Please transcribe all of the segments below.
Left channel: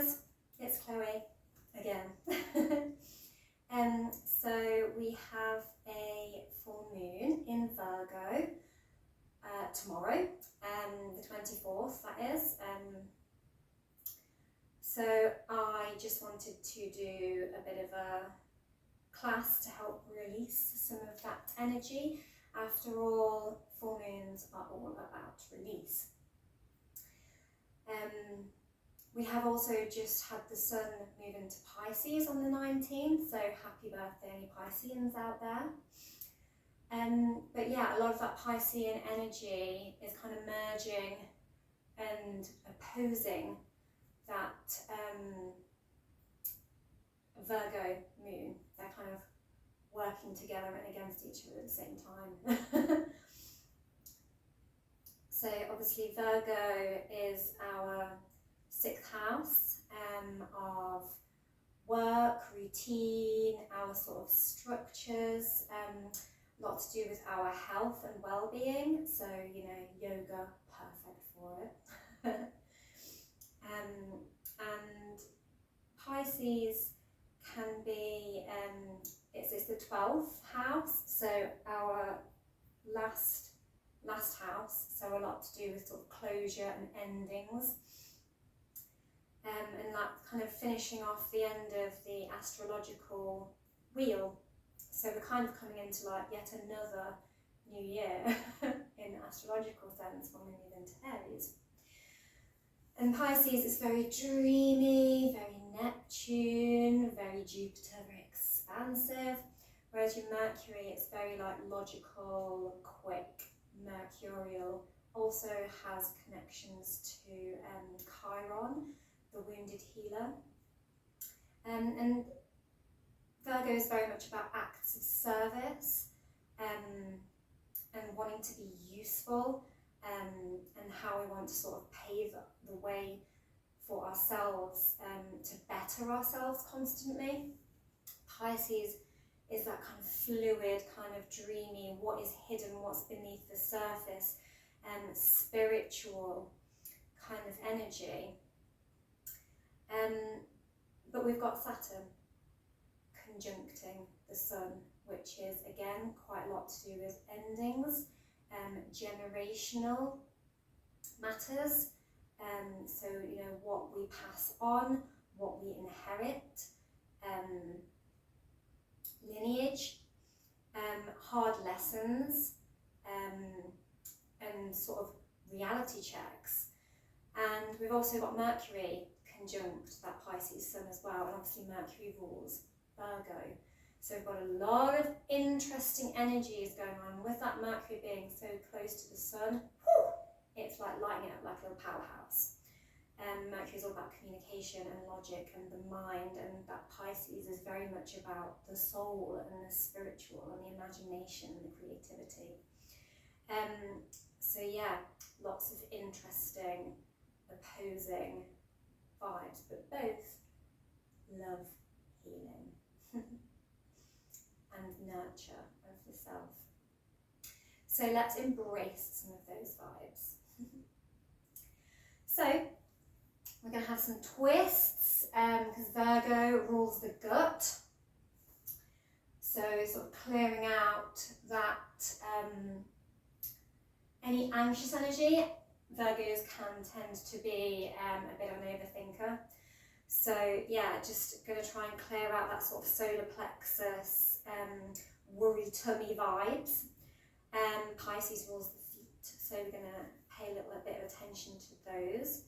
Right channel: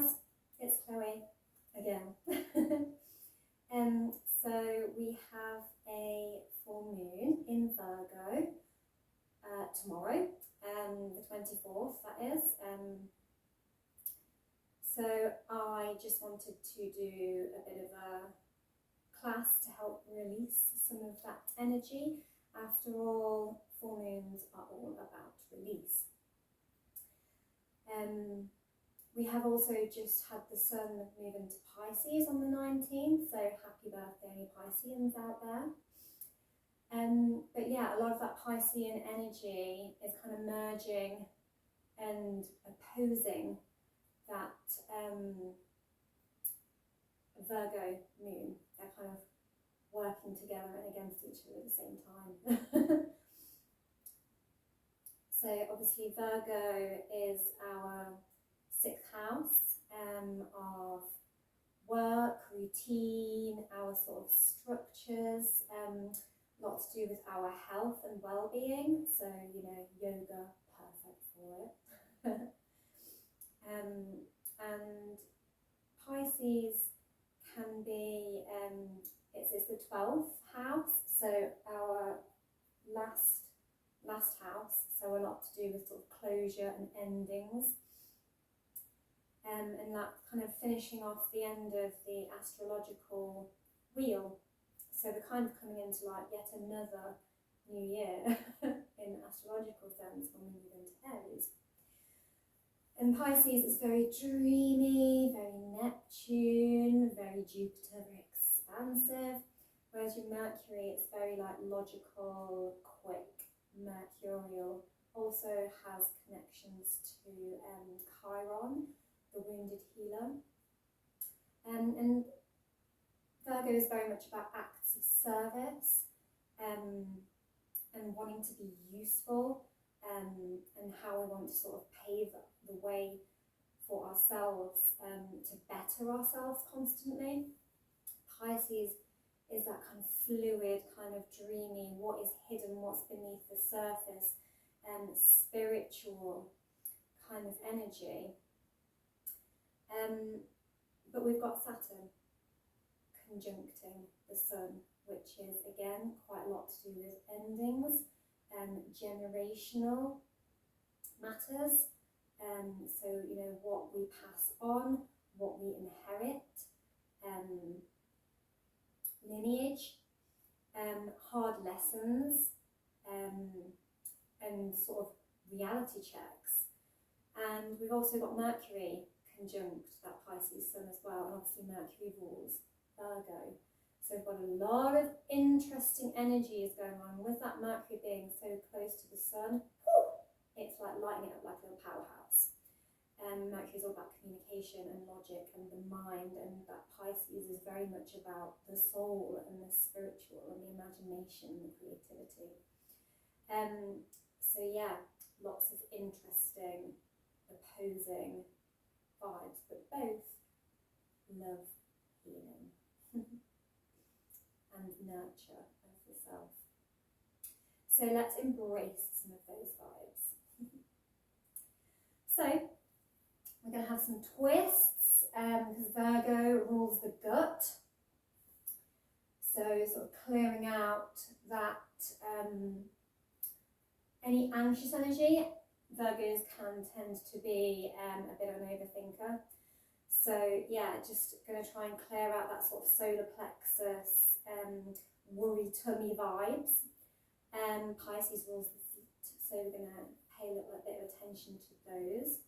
guys, it's Chloe again. So we have a full moon in Virgo tomorrow, the 24th that is. So I just wanted to do a bit of a class to help release some of that energy. After all, full moons are all about release. We have also just had the sun move into Pisces on the 19th, so happy birthday any Pisceans out there. But yeah, a lot of that Piscean energy is kind of merging and opposing that Virgo moon. They're kind of working together and against each other at the same time. So obviously Virgo is our 6th house of work, routine, our sort of structures, a lot to do with our health and well-being. So, you know, yoga, perfect for it. And Pisces can be, it's the 12th house, so our last house, so a lot to do with sort of closure and endings. And that kind of finishing off the end of the astrological wheel. So we're kind of coming into like yet another new year in astrological sense when we move into Aries. And Pisces is very dreamy, very Neptune, very Jupiter, very expansive. Whereas your Mercury, it's very like logical, quick, mercurial. Also has connections to Chiron, the wounded healer. And Virgo is very much about acts of service and wanting to be useful, and how we want to sort of pave the way for ourselves, to better ourselves constantly. Pisces is that kind of fluid, kind of dreamy, what is hidden, what's beneath the surface, spiritual kind of energy. But we've got Saturn conjuncting the Sun, which is again quite a lot to do with endings, generational matters. So, you know, what we pass on, what we inherit, lineage, hard lessons, and sort of reality checks. And we've also got Mercury conjunct that Pisces Sun as well, and obviously Mercury rules Virgo. So we've got a lot of interesting energies going on with that Mercury being so close to the Sun. It's like lighting it up like a little powerhouse. Mercury is all about communication and logic and the mind, and that Pisces is very much about the soul and the spiritual and the imagination and the creativity. So yeah, lots of interesting opposing vibes, but both love healing and nurture of the self. So let's embrace some of those vibes. So we're going to have some twists, because Virgo rules the gut. So sort of clearing out that any anxious energy. Virgos can tend to be a bit of an overthinker. So yeah, just going to try and clear out that sort of solar plexus, worry tummy vibes. Pisces rules the feet, so we're going to pay a little bit of attention to those.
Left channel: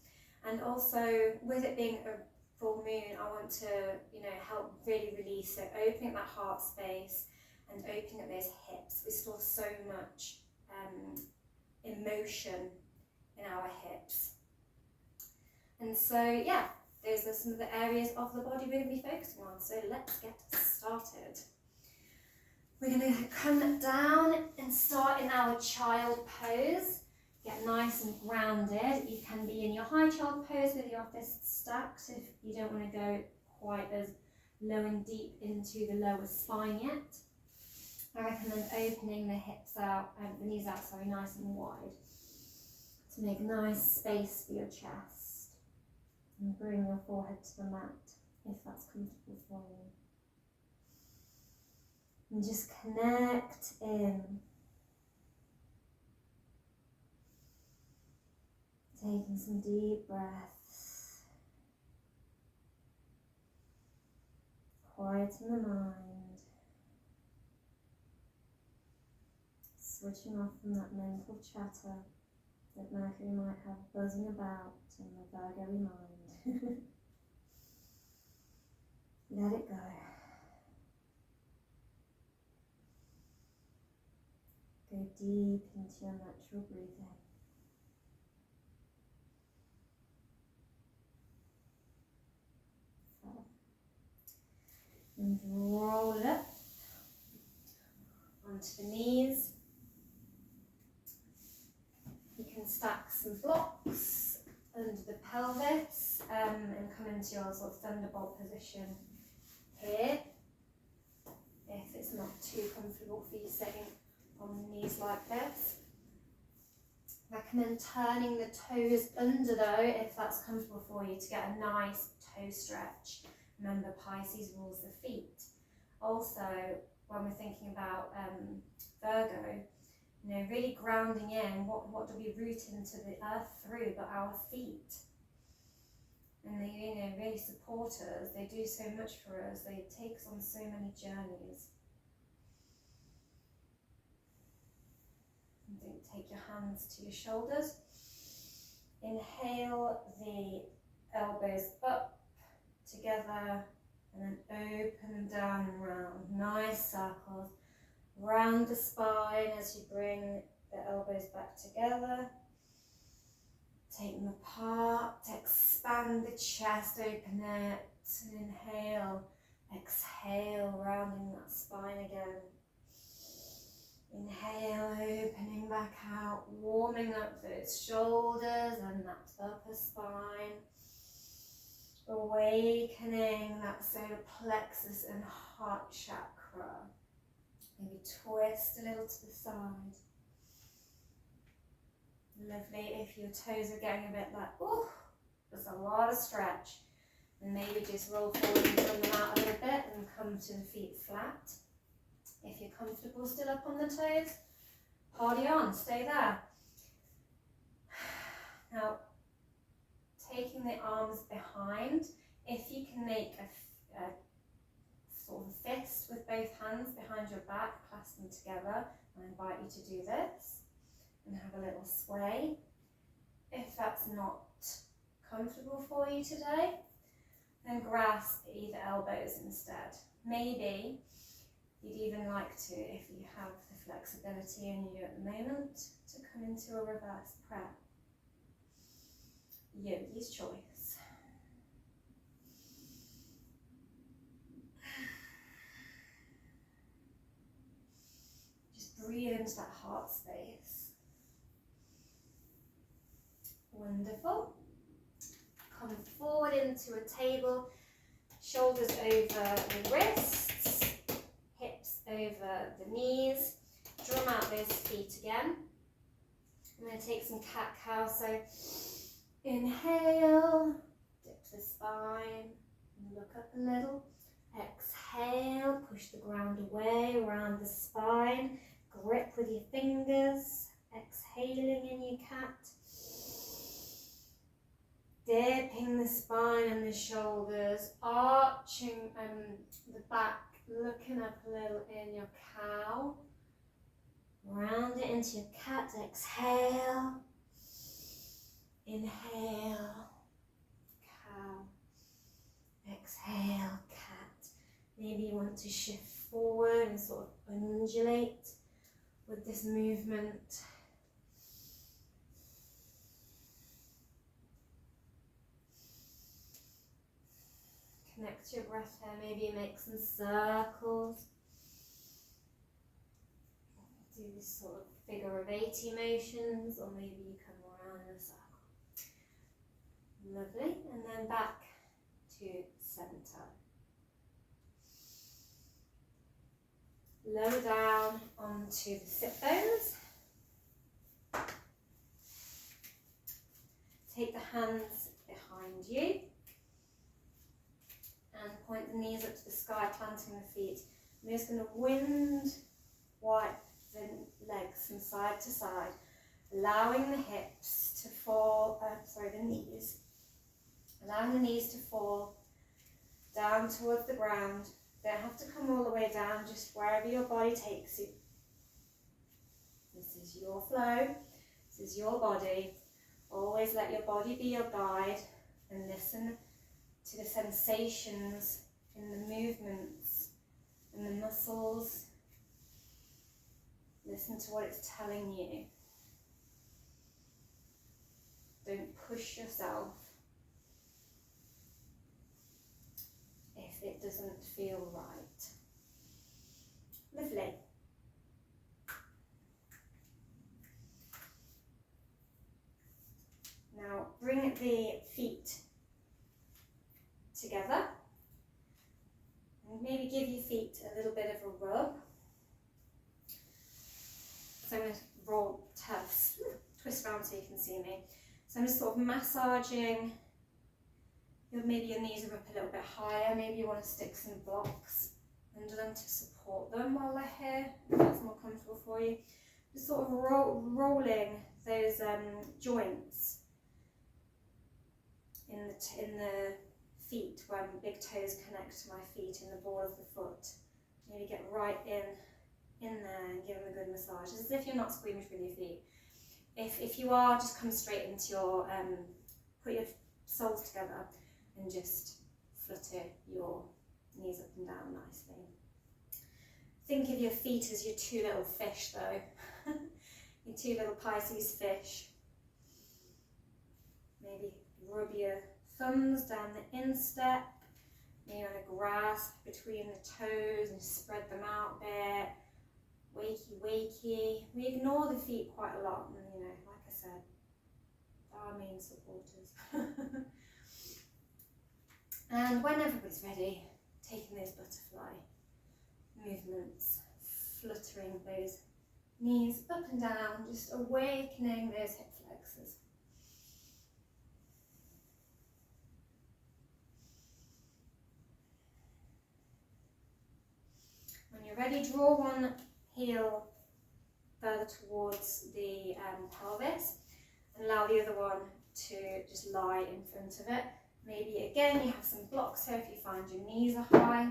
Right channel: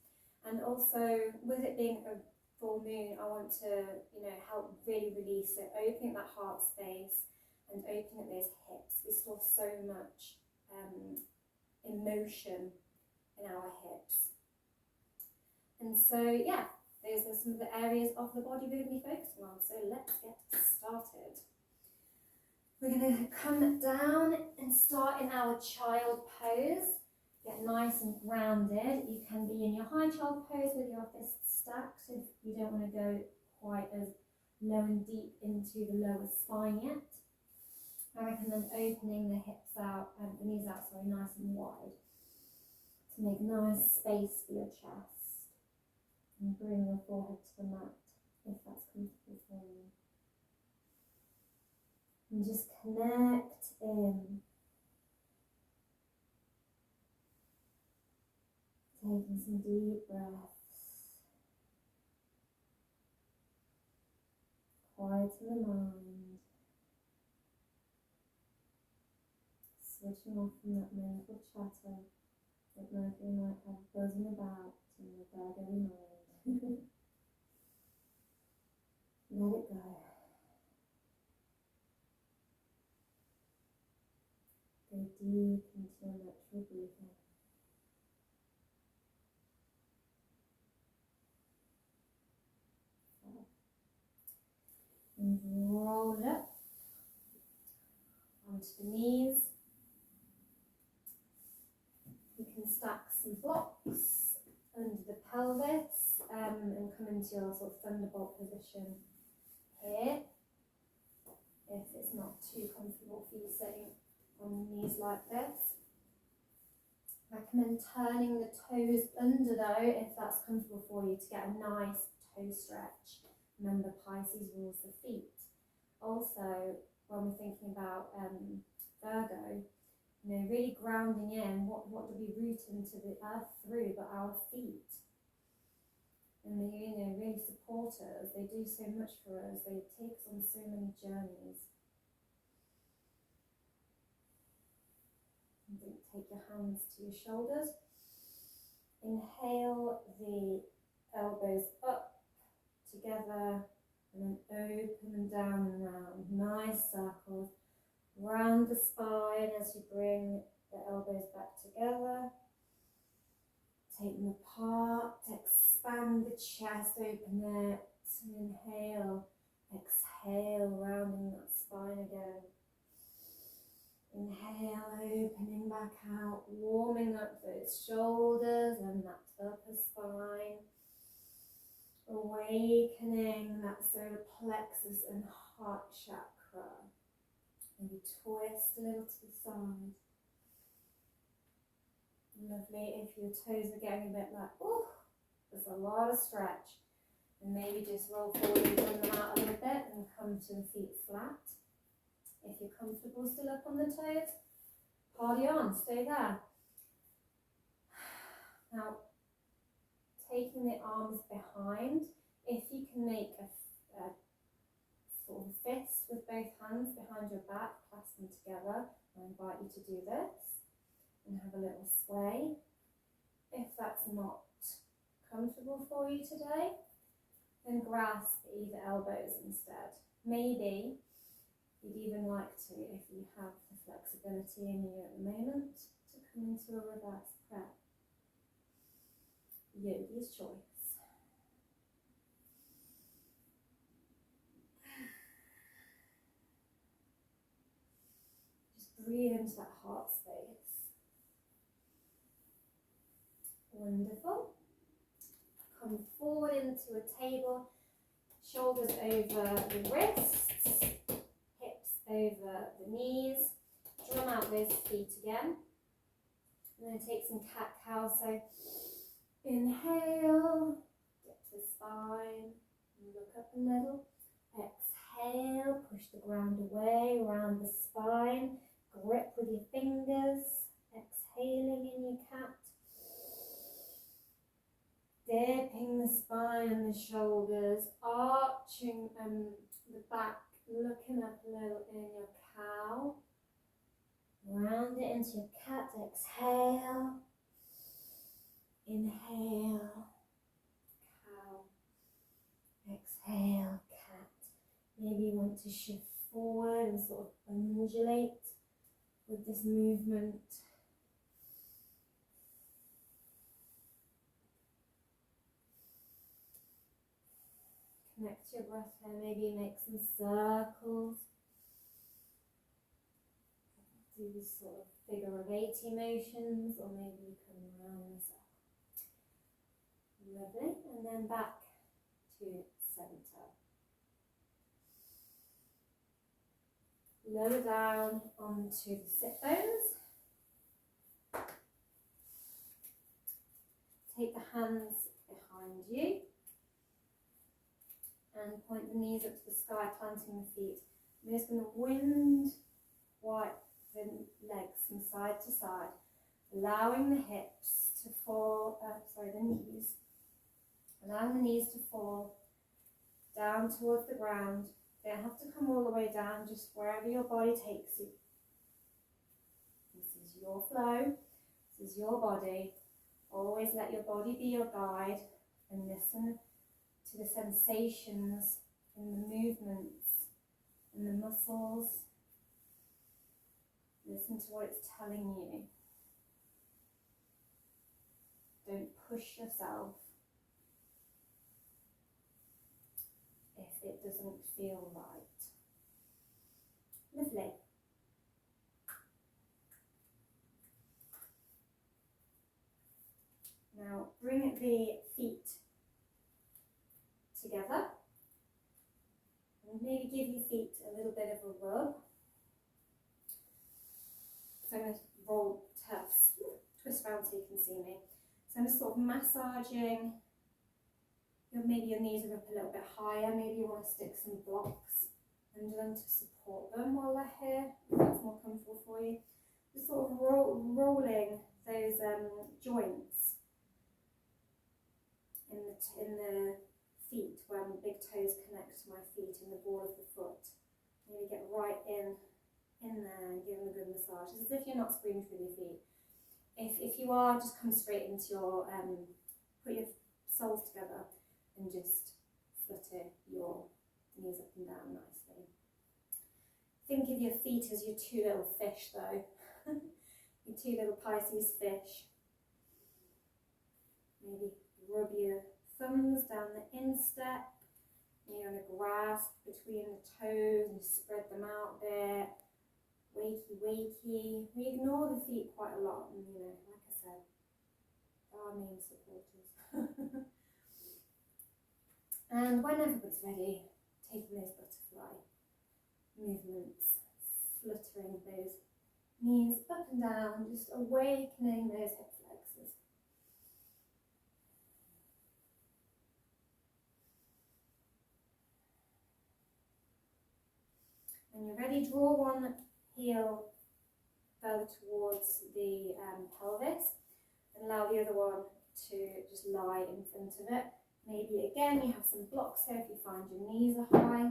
And also, with it being a full moon, I want to, you know, help really release it, opening up that heart space and opening up those hips. We store so much emotion in our hips. And so, yeah, those are some of the areas of the body we're going to be focusing on. So let's get started. We're going to come down and start in our child pose. Get nice and grounded. You can be in your high child pose with your fists stacked if you don't want to go quite as low and deep into the lower spine yet. I recommend opening the hips out, the knees out, sorry, nice and wide to make a nice space for your chest And bring your forehead to the mat if that's comfortable for you. And just connect in. Taking some deep breaths. Quieten the mind. Switching off from that mental chatter that Mercury might have buzzing about in the Virgo mind. Let it go. Go deep into your natural breathing. So, and roll it up onto the knees. You can stack some blocks under the pelvis and come into your sort of thunderbolt position here. If it's not too comfortable for you sitting on the knees like this. Recommend turning the toes under though, if that's comfortable for you, to get a nice toe stretch. Remember, Pisces rules the feet. Also, when we're thinking about Virgo, you know, really grounding in, what do we root into the earth through but our feet? And they, you know, really support us. They do so much for us. They take us on so many journeys. And take your hands to your shoulders. Inhale the elbows up together and then open down and round. Nice circles. Round the spine as you bring the elbows back together. Take them apart. Expand the chest, open it. Inhale, exhale, rounding that spine again. Inhale, opening back out, warming up those shoulders and that upper spine. Awakening that solar plexus and heart chakra. Maybe twist a little to the side. Lovely. If your toes are getting a bit like, oh, there's a lot of stretch. And maybe just roll forward and bring them out a little bit and come to the feet flat. If you're comfortable still up on the toes, party on, stay there. Now, taking the arms behind, if you can make a sort of fist with both hands behind your back, clasp them together. I invite you to do this and have a little sway. If that's not comfortable for you today, then grasp either elbows instead. Maybe you'd even like to, if you have the flexibility in you at the moment, to come into a reverse prayer. Yogi's choice. Just breathe into that heart space. Wonderful. Come forward into a table, shoulders over the wrists, hips over the knees. Drum out those feet again. I'm going to take some cat-cow. So inhale, dip the spine, look up a little. Exhale, push the ground away, around the spine. Grip with your fingers. Exhaling in your cat. Dipping the spine and the shoulders, arching the back, looking up a little in your cow. Round it into your cat. Exhale. Inhale. Cow. Exhale. Cat. Maybe you want to shift forward and sort of undulate with this movement. Connect to your breath here. Maybe make some circles. Do this sort of figure of 8 motions, or maybe you come around in a circle. Lovely. And then back to center. Lower down onto the sit bones. Take the hands behind you. and point the knees up to the sky, planting the feet. We're just going to wind wipe the legs from side to side, allowing the hips to fall, the knees, allowing the knees to fall down towards the ground. Don't have to come all the way down, just wherever your body takes you. This is your flow, this is your body. Always let your body be your guide and listen to the sensations in the movements and the muscles. Listen to what it's telling you. Don't push yourself if it doesn't feel right. Lovely. Now bring the feet together and maybe give your feet a little bit of a rub. So I'm going to twist around so you can see me. So I'm just sort of massaging. Maybe your knees are up a little bit higher. Maybe you want to stick some blocks under them to support them while they're here, if that's more comfortable for you. Just sort of rolling those joints in the feet, where my big toes connect to my feet in the ball of the foot. Maybe get right in there and give them a good massage. It's as if you're not squeamish with your feet. If you are, just come straight into your, put your soles together and just flutter your knees up and down nicely. Think of your feet as your two little fish though. Your two little Pisces fish. Maybe rub your thumbs down the instep. Maybe you want to grasp between the toes and spread them out a bit. Wakey, wakey. We ignore the feet quite a lot, and like I said, they're our main supporters. And when everybody's ready, taking those butterfly movements, fluttering those knees up and down, just awakening those hip flexors. When you're ready, draw one heel further towards the pelvis and allow the other one to just lie in front of it. Maybe again you have some blocks here if you find your knees are high.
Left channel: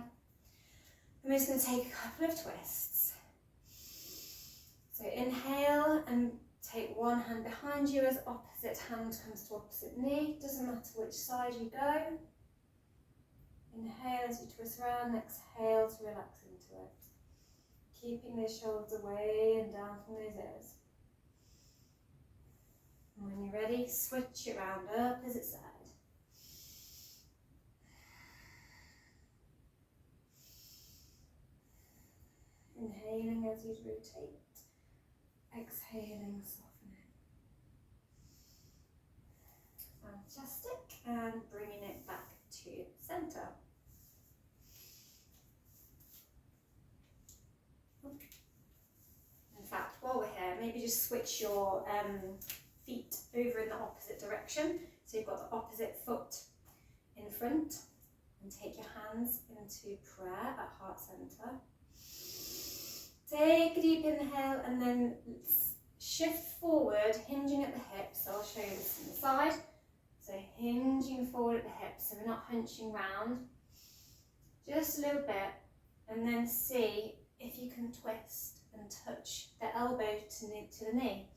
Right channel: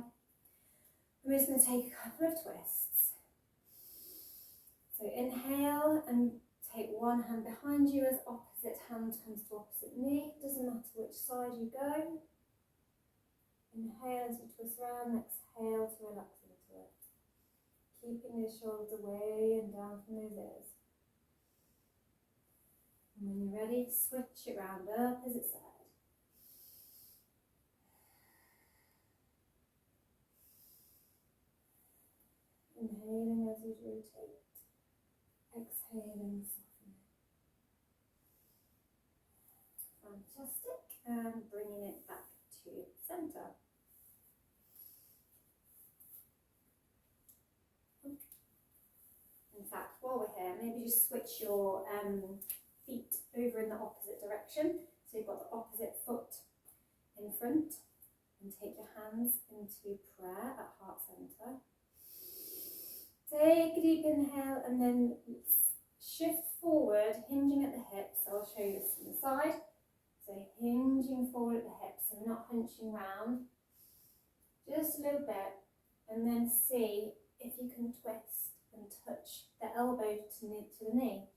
I'm just going to take a couple of twists. So inhale and take one hand behind you as opposite hand comes to opposite knee. Doesn't matter which side you go. Inhale as you twist around, exhale to relax into it. Keeping those shoulders away and down from those ears. And when you're ready, switch it round, opposite side. Inhaling as you rotate, exhaling, softening. Fantastic, and bringing it back to centre. In fact, while we're here, maybe just switch your feet over in the opposite direction. So you've got the opposite foot in front, and take your hands into prayer at heart centre. Take a deep inhale and then shift forward, hinging at the hips. So I'll show you this from the side. So hinging forward at the hips, so we're not hunching round. Just a little bit, and then see if you can twist and touch the elbow to the knee.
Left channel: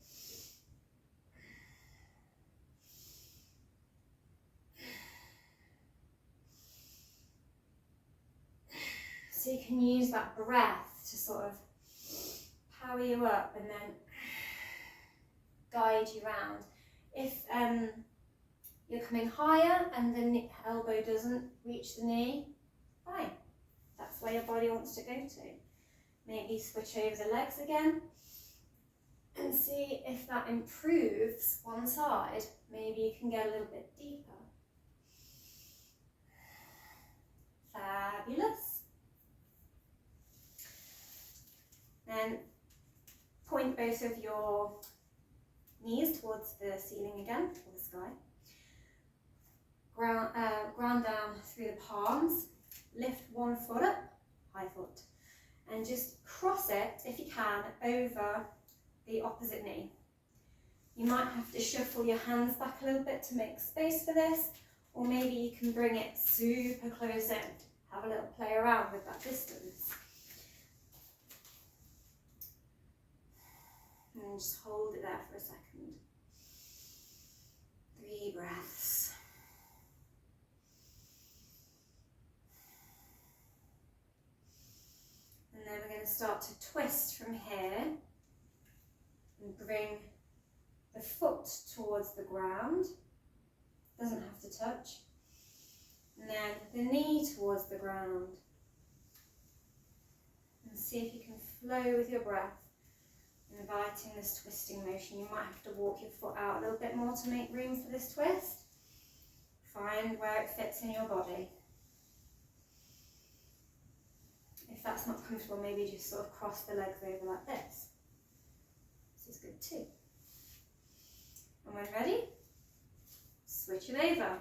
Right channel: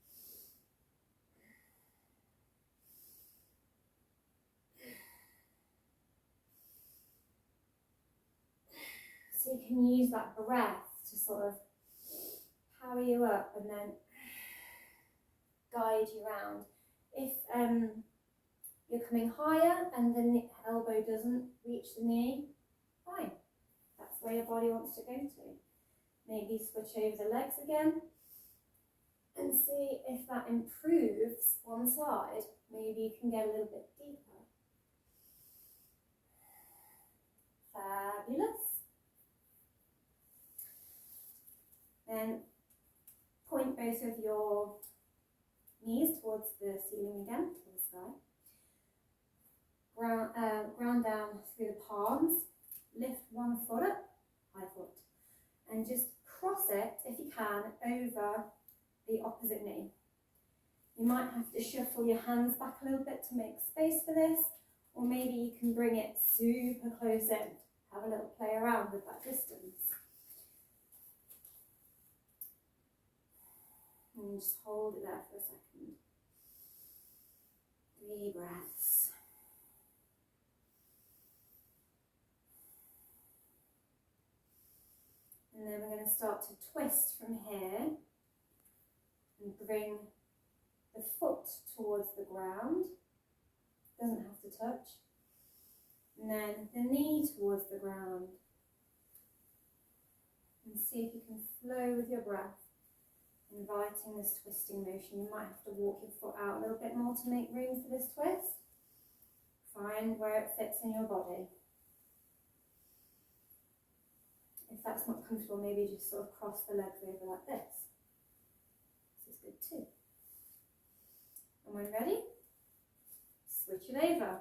So you can use that breath to sort of power you up and then guide you round. If you're coming higher and the elbow doesn't reach the knee, fine. That's where your body wants to go to. Maybe switch over the legs again and see if that improves one side. Maybe you can get a little bit deeper. Fabulous. Then point both of your knees towards the ceiling again, or the sky. Ground down through the palms. You might have to shuffle your hands back a little bit to make space for this, or maybe you can bring it super close in. Have a little play around with that distance. And just hold it there for a second. 3 breaths. And then we're going to start to twist from here and bring the foot towards the ground. Doesn't have to touch. And then the knee towards the ground. And see if you can flow with your breath, inviting this twisting motion. You might have to walk your foot out a little bit more to make room for this twist. Find where it fits in your body. If that's not comfortable, maybe just sort of cross the legs over like this. This is good too. And when ready, switch it over.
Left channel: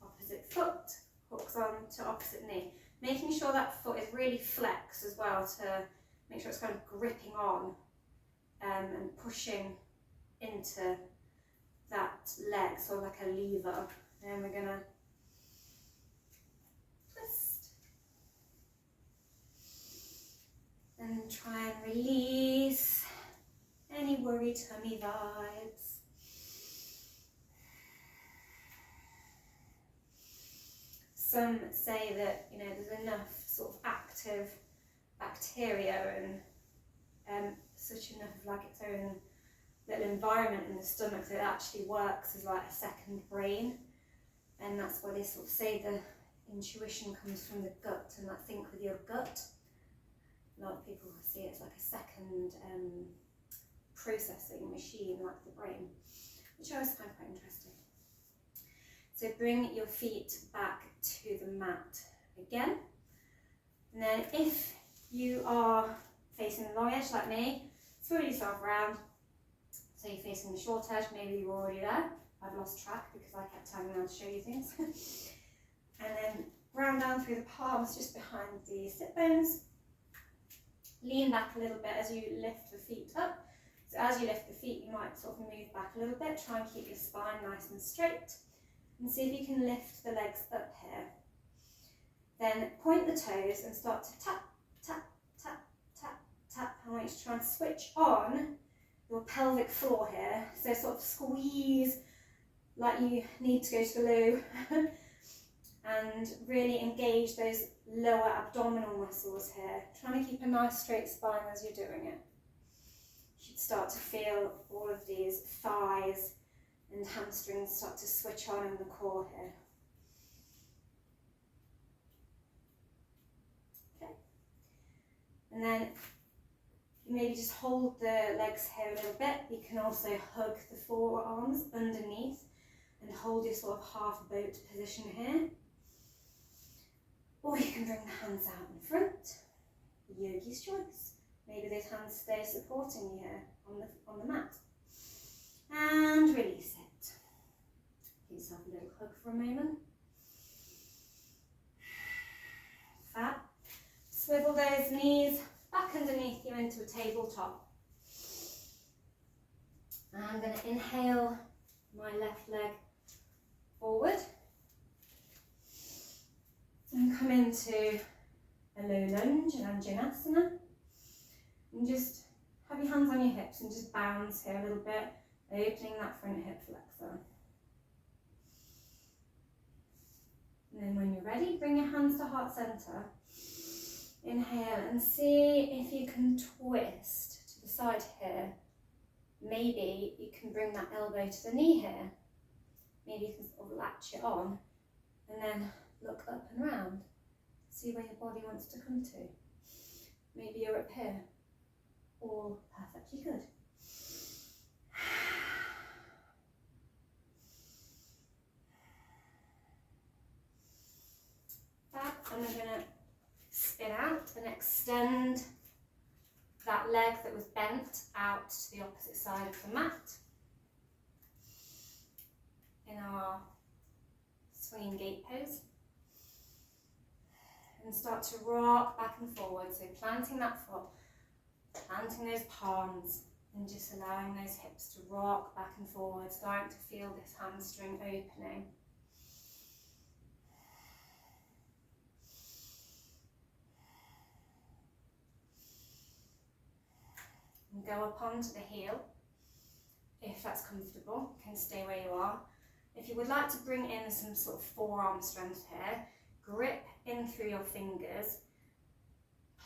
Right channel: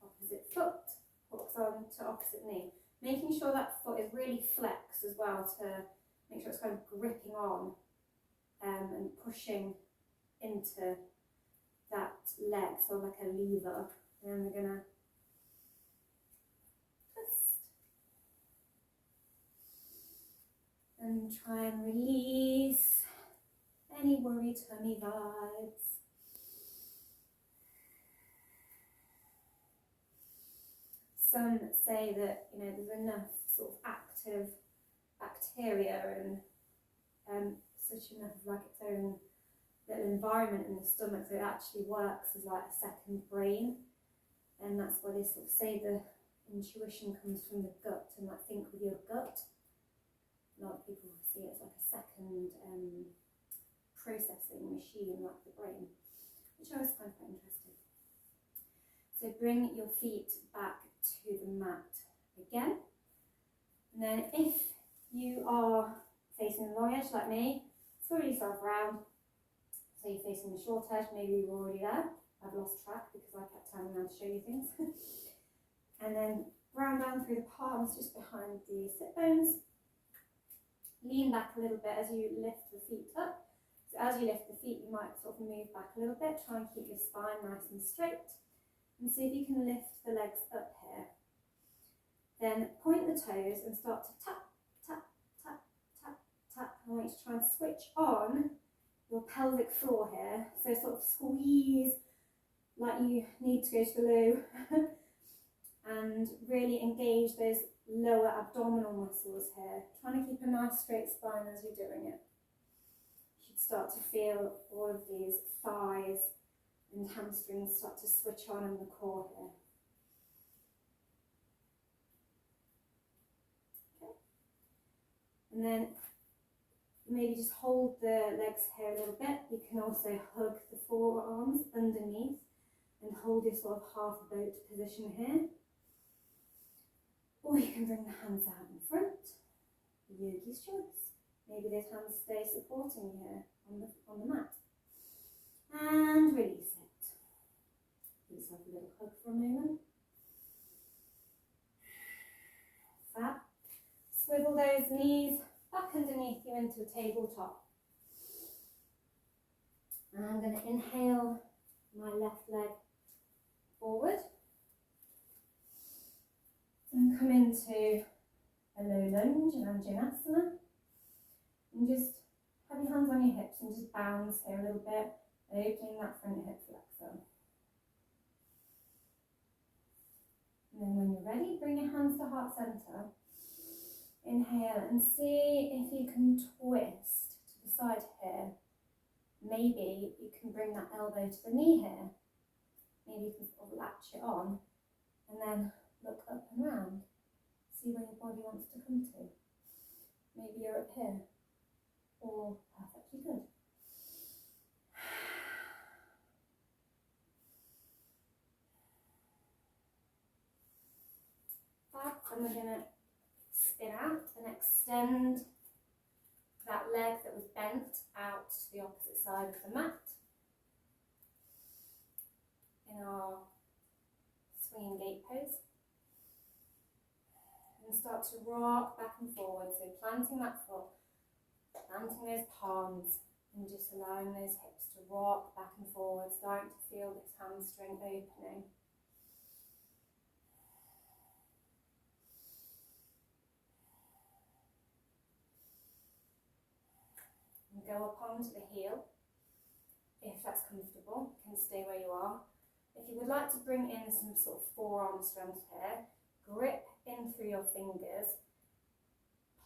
Opposite foot, hooks on to opposite knee. Making sure that foot is really flexed as well to make sure it's kind of gripping on and pushing into that leg, so like a lever. And we're going to twist. And try and release any worry tummy vibes. Some say that, you know, there's enough sort of active bacteria and such enough of like its own little environment in the stomach that it actually works as like a second brain. And that's why they sort of say the intuition comes from the gut and like think with your gut. A lot of people see it as like a second processing machine like the brain, which I always find quite interesting. So bring your feet back to the mat again. And then if you are facing the long edge like me, throw yourself around. So you're facing the short edge, maybe you're already there. I've lost track because I kept turning around to show you things. And then ground down through the palms just behind the sit bones. Lean back a little bit as you lift the feet up. So as you lift the feet, you might sort of move back a little bit. Try and keep your spine nice and straight. And see if you can lift the legs up here. Then point the toes and start to tap, tap, tap, tap, tap. I want you to try and switch on your pelvic floor here. So sort of squeeze like you need to go to the loo. And really engage those lower abdominal muscles here. Trying to keep a nice straight spine as you're doing it. You should start to feel all of these thighs and hamstrings start to switch on in the core here. Okay. And then maybe just hold the legs here a little bit. You can also hug the forearms underneath and hold your sort of half boat position here. Or you can bring the hands out in front. Yogi's choice. Maybe those hands stay supporting you here on the mat. And release it. Give yourself a little hug for a moment. Fab. Swivel those knees back underneath you into a tabletop. And I'm going to inhale my left leg forward. And come into a low lunge, an Anjanasana. And just have your hands on your hips and just bounce here a little bit, opening that front hip flexor. And then when you're ready, bring your hands to heart center. Inhale and see if you can twist to the side here. Maybe you can bring that elbow to the knee here. Maybe you can sort of latch it on and then look up and round. See where your body wants to come to. Maybe you're up here. All perfectly good. Fab. And we're going to spin out and extend that leg that was bent out to the opposite side of the mat in our swinging gate pose. And start to rock back and forward. So planting that foot, planting those palms, And just allowing those hips to rock back and forward, starting to feel this hamstring opening. And go up onto the heel, if that's comfortable. You can stay where you are. If you would like to bring in some sort of forearm strength here, grip in through your fingers,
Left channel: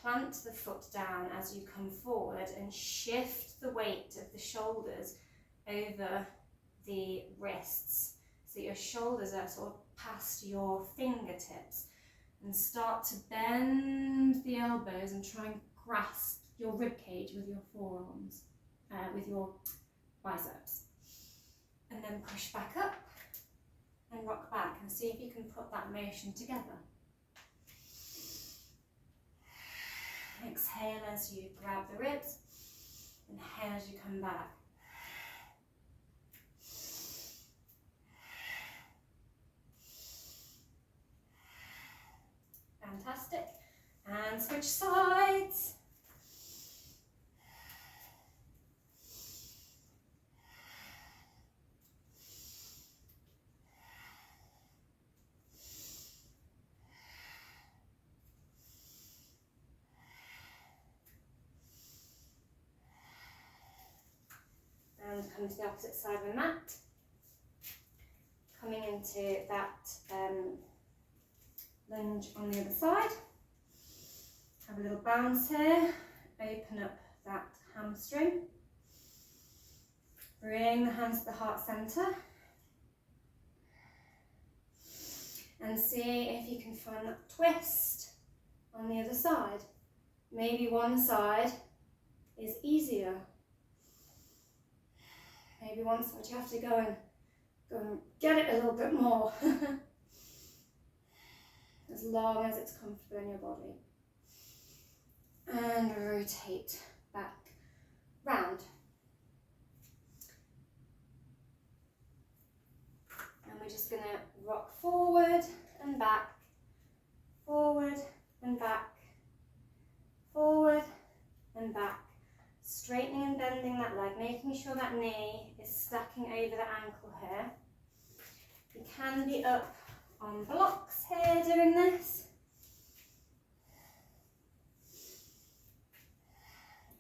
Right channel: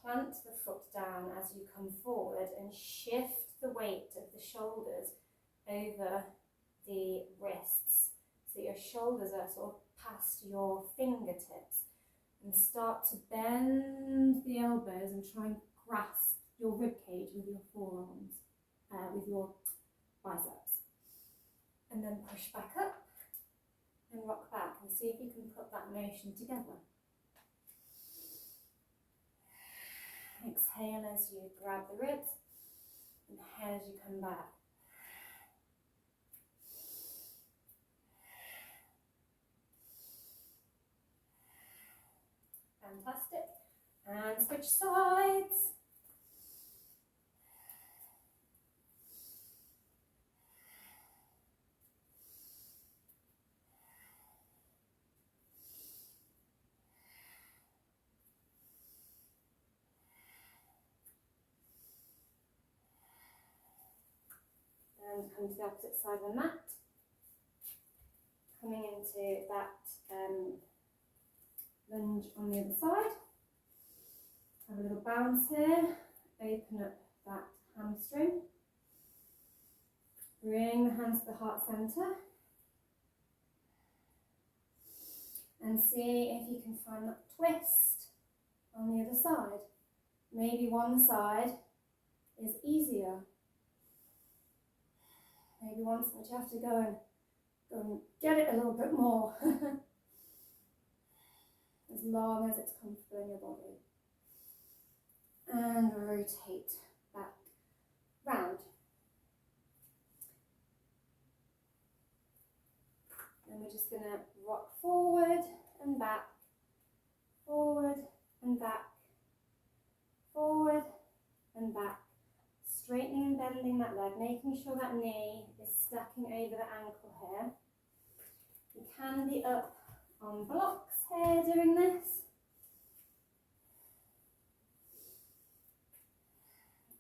plant the foot down as you come forward and shift the weight of the shoulders over the wrists. So your shoulders are sort of past your fingertips, and start to bend the elbows and try and grasp your rib cage with your forearms, with your biceps. And then push back up and rock back and see if you can put that motion together. Exhale as you grab the ribs, inhale as you come back. Fantastic. And switch sides. And come to the opposite side of the mat. Coming into that lunge on the other side. Have a little bounce here. Open up that hamstring. Bring the hands to the heart centre. And see if you can find that twist on the other side. Maybe one side is easier. Maybe one side you have to go and get it a little bit more. As long as it's comfortable in your body. And rotate back round. And we're just going to rock forward and back, forward and back, forward and back. Straightening and bending that leg, making sure that knee is stacking over the ankle here. You can be up on blocks here doing this.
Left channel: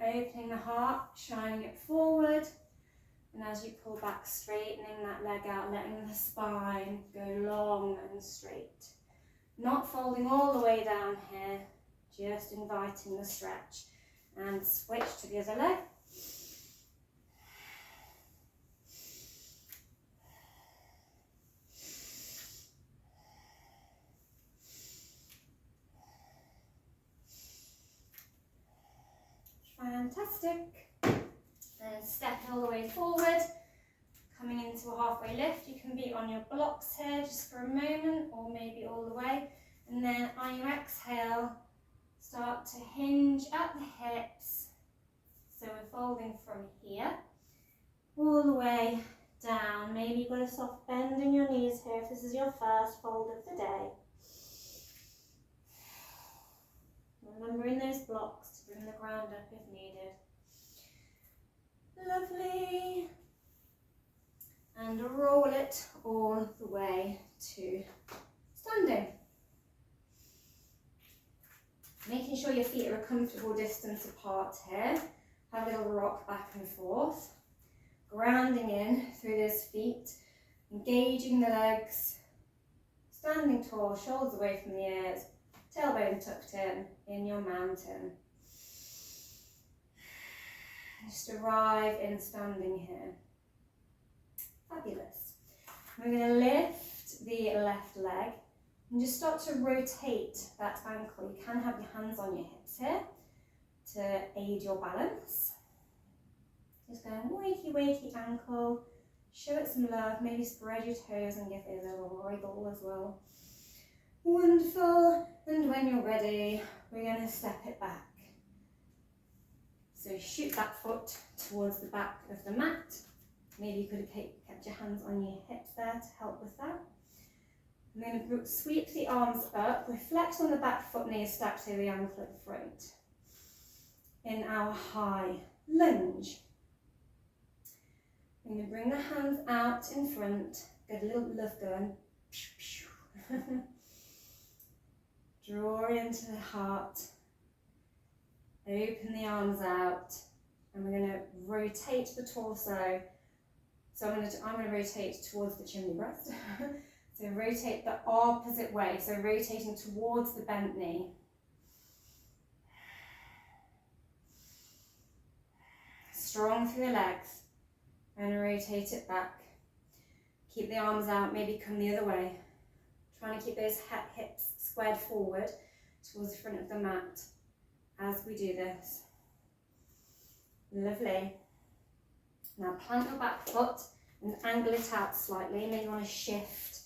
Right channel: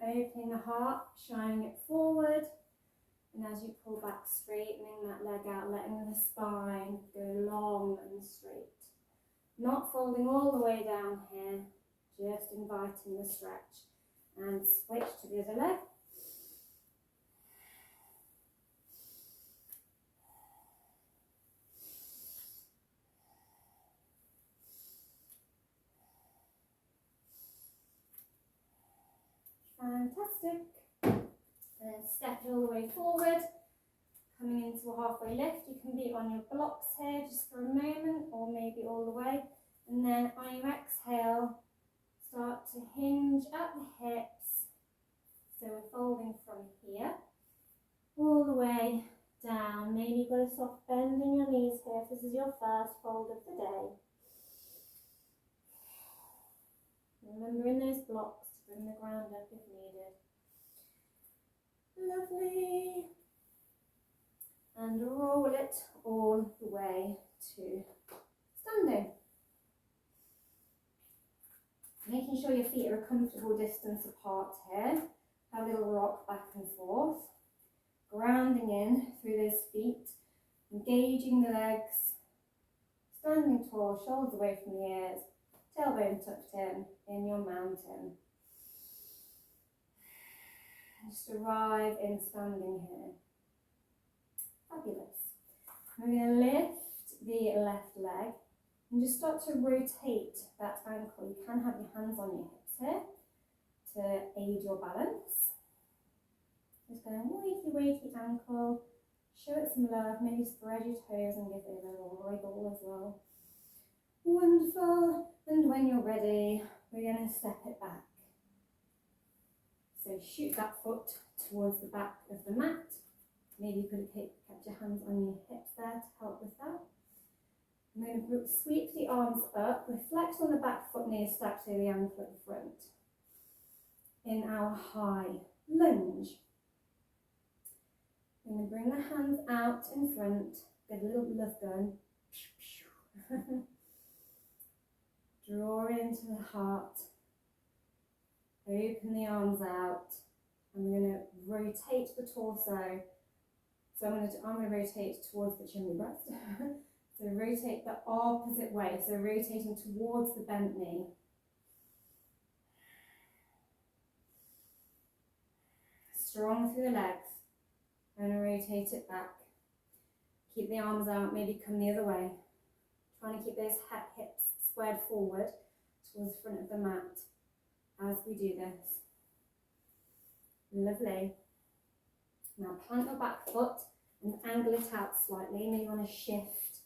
Opening the heart, shining it forward, and as you pull back, straightening that leg out, letting the spine go long and straight. Not folding all the way down here, just inviting the stretch. And switch to the other leg. Fantastic. And step all the way forward. Coming into a halfway lift. You can be on your blocks here just for a moment, or maybe all the way. And then on your exhale, start to hinge at the hips. So we're folding from here all the way down. Maybe you've got a soft bend in your knees here if this is your first fold of the day. Remembering those blocks to bring the ground up if needed. Lovely. And roll it all the way to standing. Making sure your feet are a comfortable distance apart here. Have a little rock back and forth. Grounding in through those feet. Engaging the legs. Standing tall, shoulders away from the ears. Tailbone tucked in your mountain. Just arrive in standing here. Fabulous. We're going to lift the left leg and just start to rotate that ankle. You can have your hands on your hips here to aid your balance. Just going wakey, wakey ankle. Show it some love. Maybe spread your toes and give it a little wriggle as well. Wonderful. And when you're ready, we're going to step it back. So shoot that foot towards the back of the mat. Maybe you could have kept your hands on your hips there to help with that. I'm going to sweep the arms up, reflect on the back foot, knee stacked over the ankle at the front. In our high lunge. I'm going to bring the hands out in front, get a little love gun. Draw into the heart, open the arms out, and we're going to rotate the torso. So I'm going to rotate towards the chimney breast. So rotate the opposite way, so rotating towards the bent knee. Strong through the legs, and rotate it back. Keep the arms out, maybe come the other way. Trying to keep those hips squared forward towards the front of the mat as we do this. Lovely. Now plant your back foot and angle it out slightly. Maybe you want to shift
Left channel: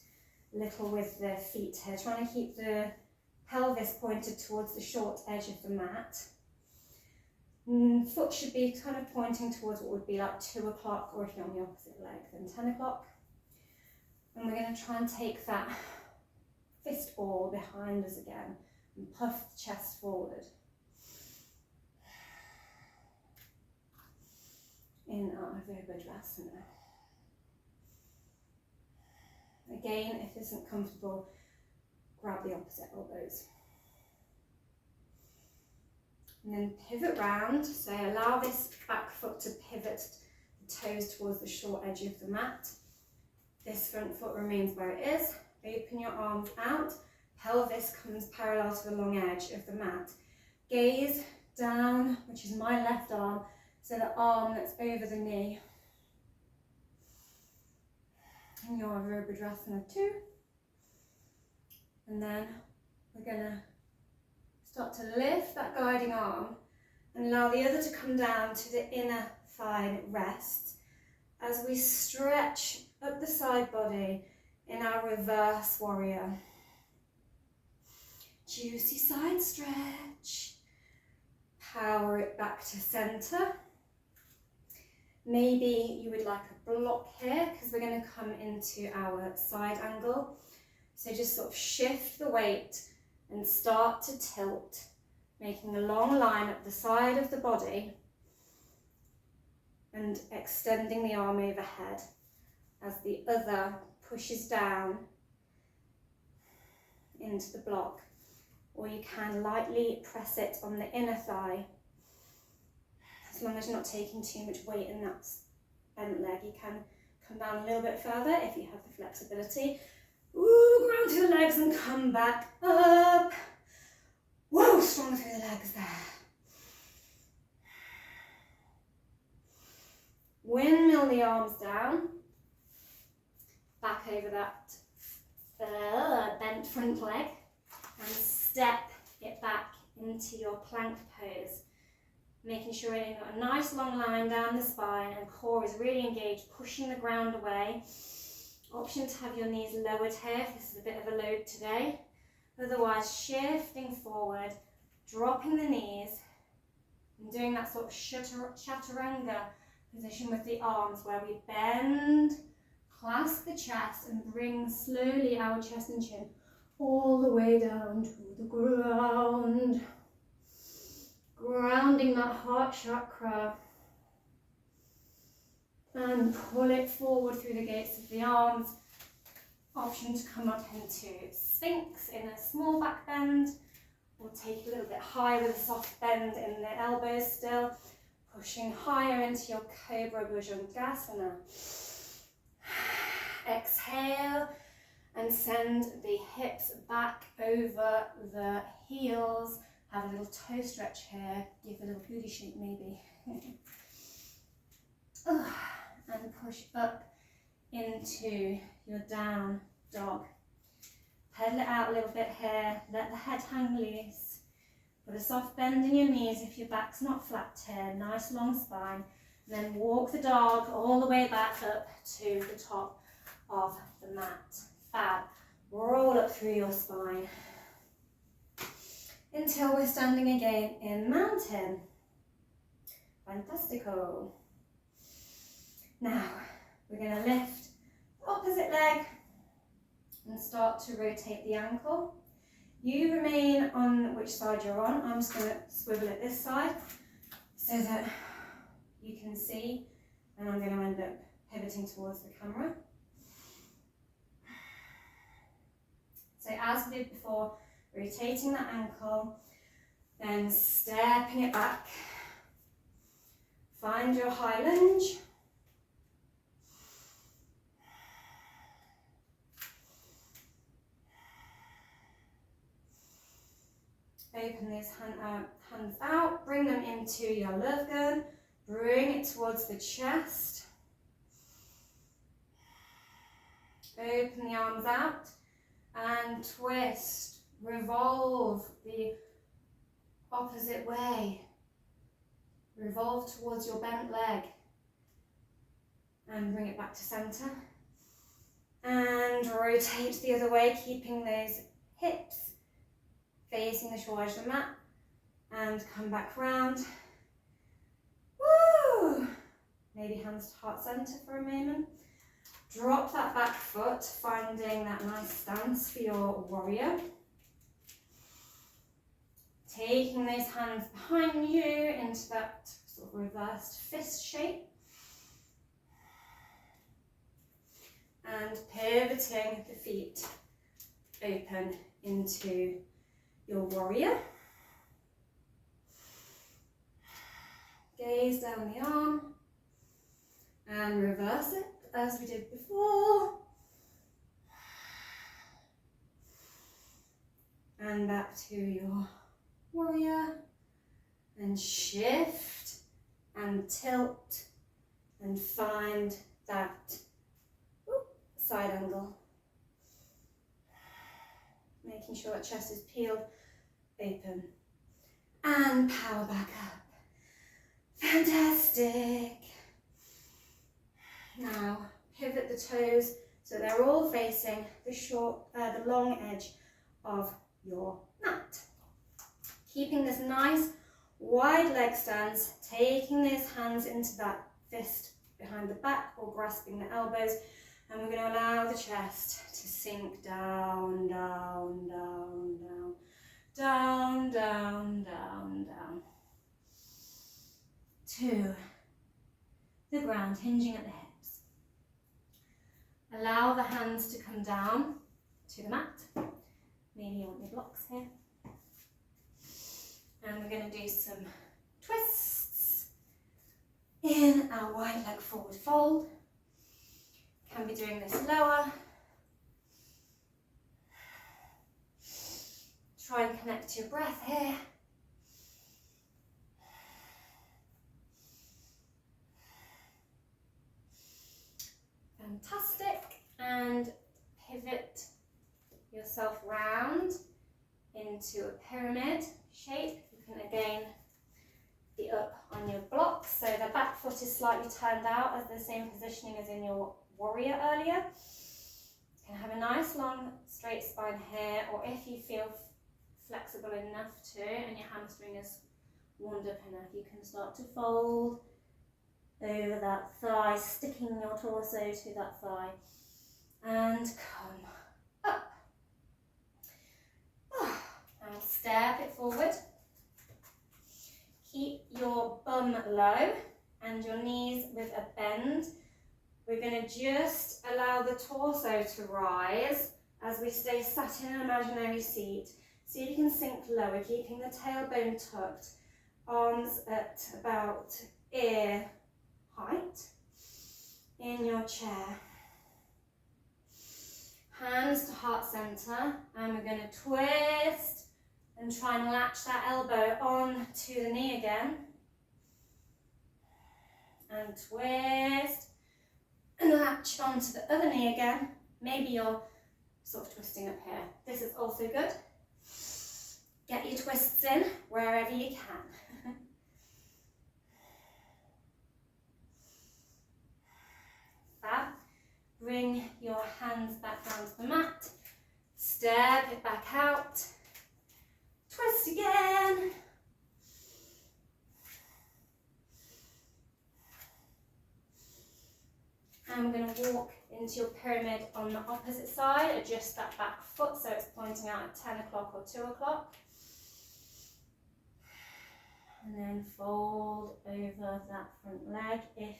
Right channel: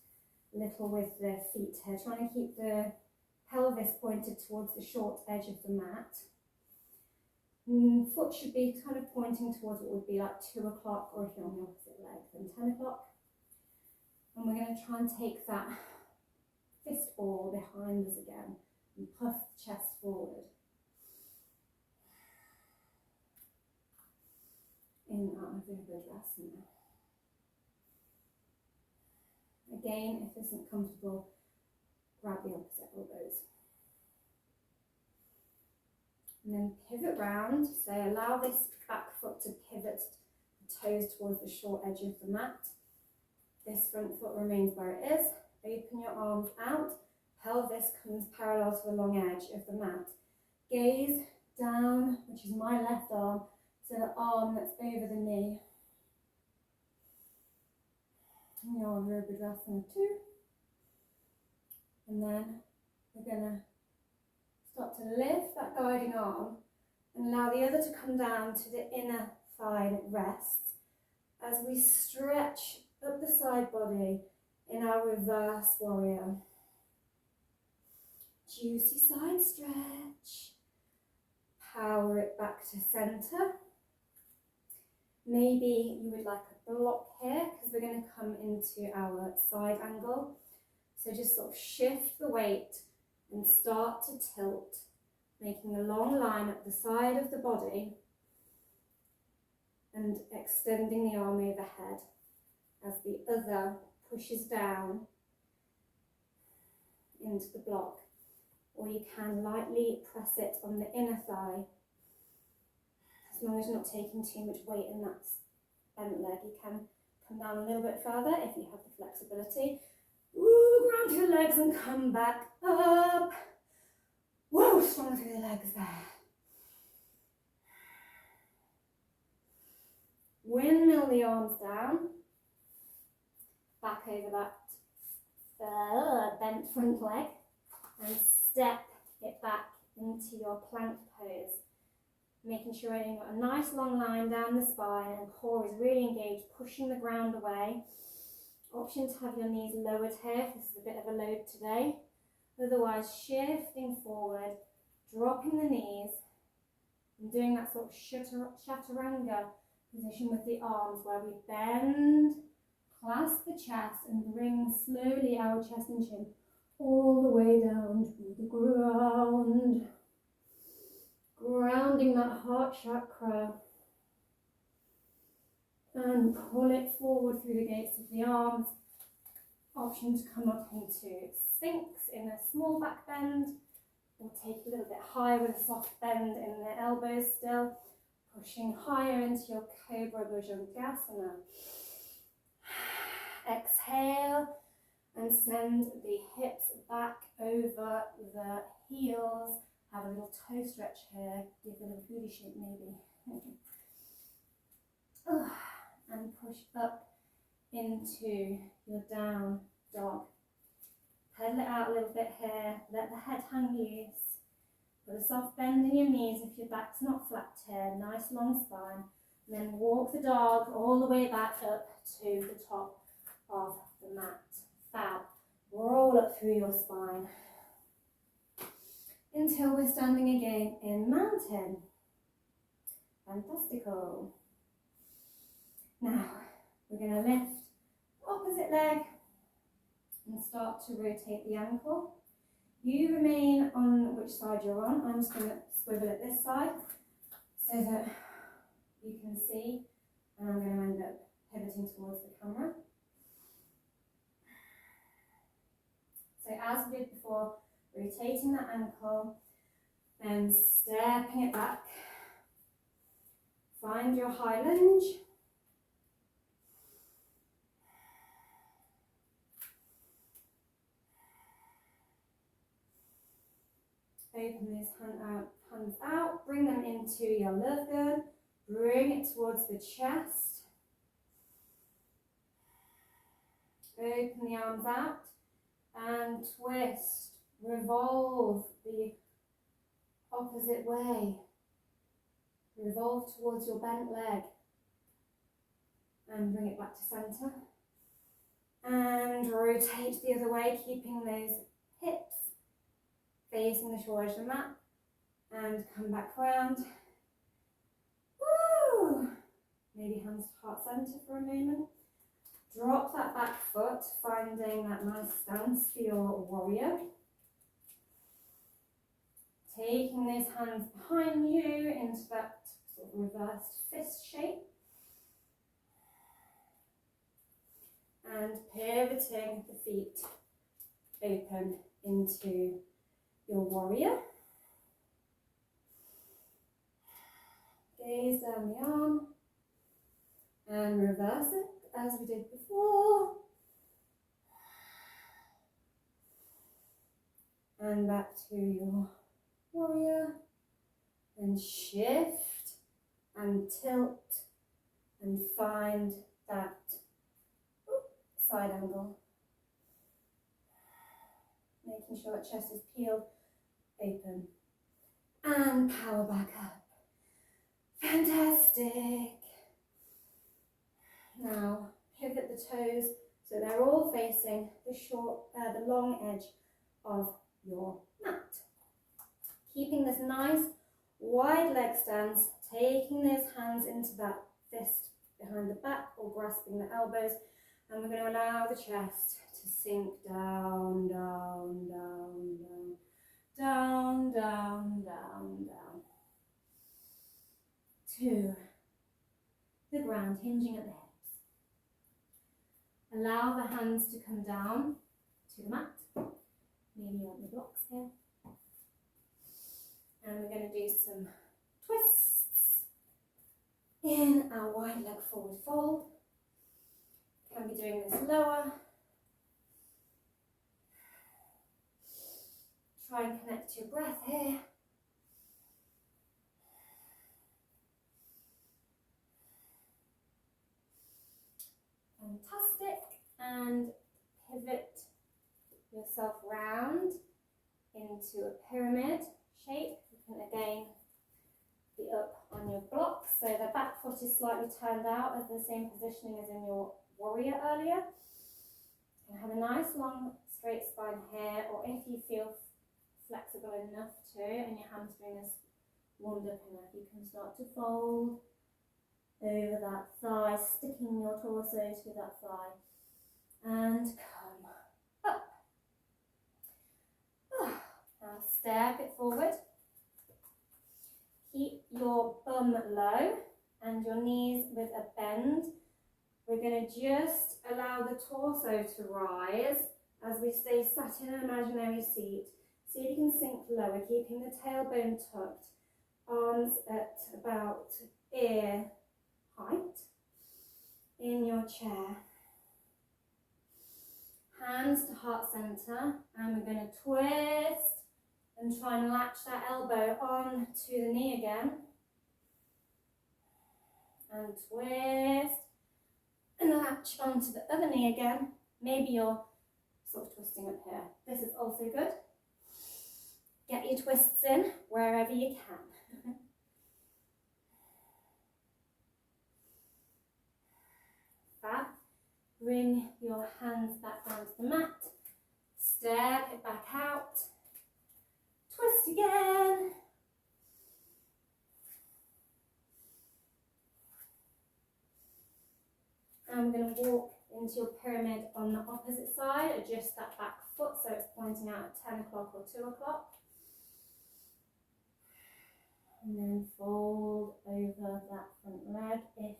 a little with the feet here. Trying to keep the pelvis pointed towards the short edge of the mat. Foot should be kind of pointing towards what would be like 2 o'clock, or if you're on the opposite leg, then 10 o'clock. And we're going to try and take that fist ball behind us again and puff the chest forward. In our Virgo Sun. Again, if this isn't comfortable, grab the opposite elbows. And then pivot round, so allow this back foot to pivot the toes towards the short edge of the mat. This front foot remains where it is. Open your arms out, pelvis comes parallel to the long edge of the mat. Gaze down, which is my left arm, so the arm that's over the knee. And your Virgo Sun 2. And then we're going to start to lift that guiding arm and allow the other to come down to the inner thigh at rest as we stretch up the side body in our reverse warrior. Juicy side stretch. Power it back to center. Maybe you would like a block here because we're going to come into our side angle. So just sort of shift the weight and start to tilt, making a long line up the side of the body and extending the arm overhead as the other pushes down into the block. Or you can lightly press it on the inner thigh. As long as you're not taking too much weight in that bent leg, you can come down a little bit further if you have the flexibility. Ooh, ground through the legs and come back up. Whoa, strong through the legs there. Windmill the arms down. Back over that bent front leg. And step it back into your plank pose. Making sure you've got a nice long line down the spine and core is really engaged, pushing the ground away. Option to have your knees lowered here if this is a bit of a load today. Otherwise, shifting forward, dropping the knees, and doing that sort of chaturanga position with the arms where we bend, clasp the chest, and bring slowly our chest and chin all the way down to the ground. Grounding that heart chakra. And pull it forward through the gates of the arms. Option to come up into Sphinx in a small back bend, or take it a little bit higher with a soft bend in the elbows still, pushing higher into your Cobra Bhujangasana. Exhale and send the hips back over the heels. Have a little toe stretch here, give a little booty shake maybe. And push up into your down dog. Pedal it out a little bit here, let the head hang loose. Put a soft bend in your knees if your back's not flat here, nice long spine. And then walk the dog all the way back up to the top of the mat. Fab. Roll up through your spine until we're standing again in mountain. Fantastico. Now, we're going to lift the opposite leg and start to rotate the ankle. You remain on which side you're on. I'm just going to swivel it this side so that you can see, and I'm going to end up pivoting towards the camera. So as we did before, rotating that ankle, then stepping it back. Find your high lunge. Open those hands out, bring them into your love gun, bring it towards the chest. Open the arms out and twist, revolve the opposite way. Revolve towards your bent leg and bring it back to center. And rotate the other way, keeping those hips facing the short edge of the mat. And come back round. Woo! Maybe hands to heart center for a moment. Drop that back foot, finding that nice stance for your warrior. Taking those hands behind you into that sort of reversed fist shape. And pivoting the feet open into your warrior. Gaze down the arm and reverse it as we did before. And back to your warrior. And shift and tilt and find that side angle. Making sure that chest is peeled open. And power back up. Fantastic. Now pivot the toes so they're all facing the long edge of your mat. Keeping this nice wide leg stance, taking those hands into that fist behind the back or grasping the elbows, and we're going to allow the chest to sink down, down, down, down, down, down, down, down to the ground, hinging at the hips. Allow the hands to come down to the mat. Maybe you want your blocks here. And we're going to do some twists in our wide leg forward fold. Can be doing this lower. Try and connect to your breath here. Fantastic. And pivot yourself round into a pyramid shape. You can again be up on your blocks, so the back foot is slightly turned out as the same positioning as in your warrior earlier. You can have a nice long straight spine here, or if you feel flexible enough to and your hamstring is warmed up enough, you can start to fold over that thigh, sticking your torso to that thigh, and come up. Now step it forward. Keep your bum low and your knees with a bend. We're going to just allow the torso to rise as we stay sat in an imaginary seat. See if you can sink lower, keeping the tailbone tucked, arms at about ear height in your chair. Hands to heart center, and we're going to twist and try and latch that elbow on to the knee again. And twist and latch onto the other knee again. Maybe you're sort of twisting up here. This is also good. Get your twists in wherever you can. Fab. Bring your hands back down to the mat. Step it back out. Twist again. And we're going to walk into your pyramid on the opposite side. Adjust that back foot so it's pointing out at 10 o'clock or 2 o'clock. And then fold over that front leg if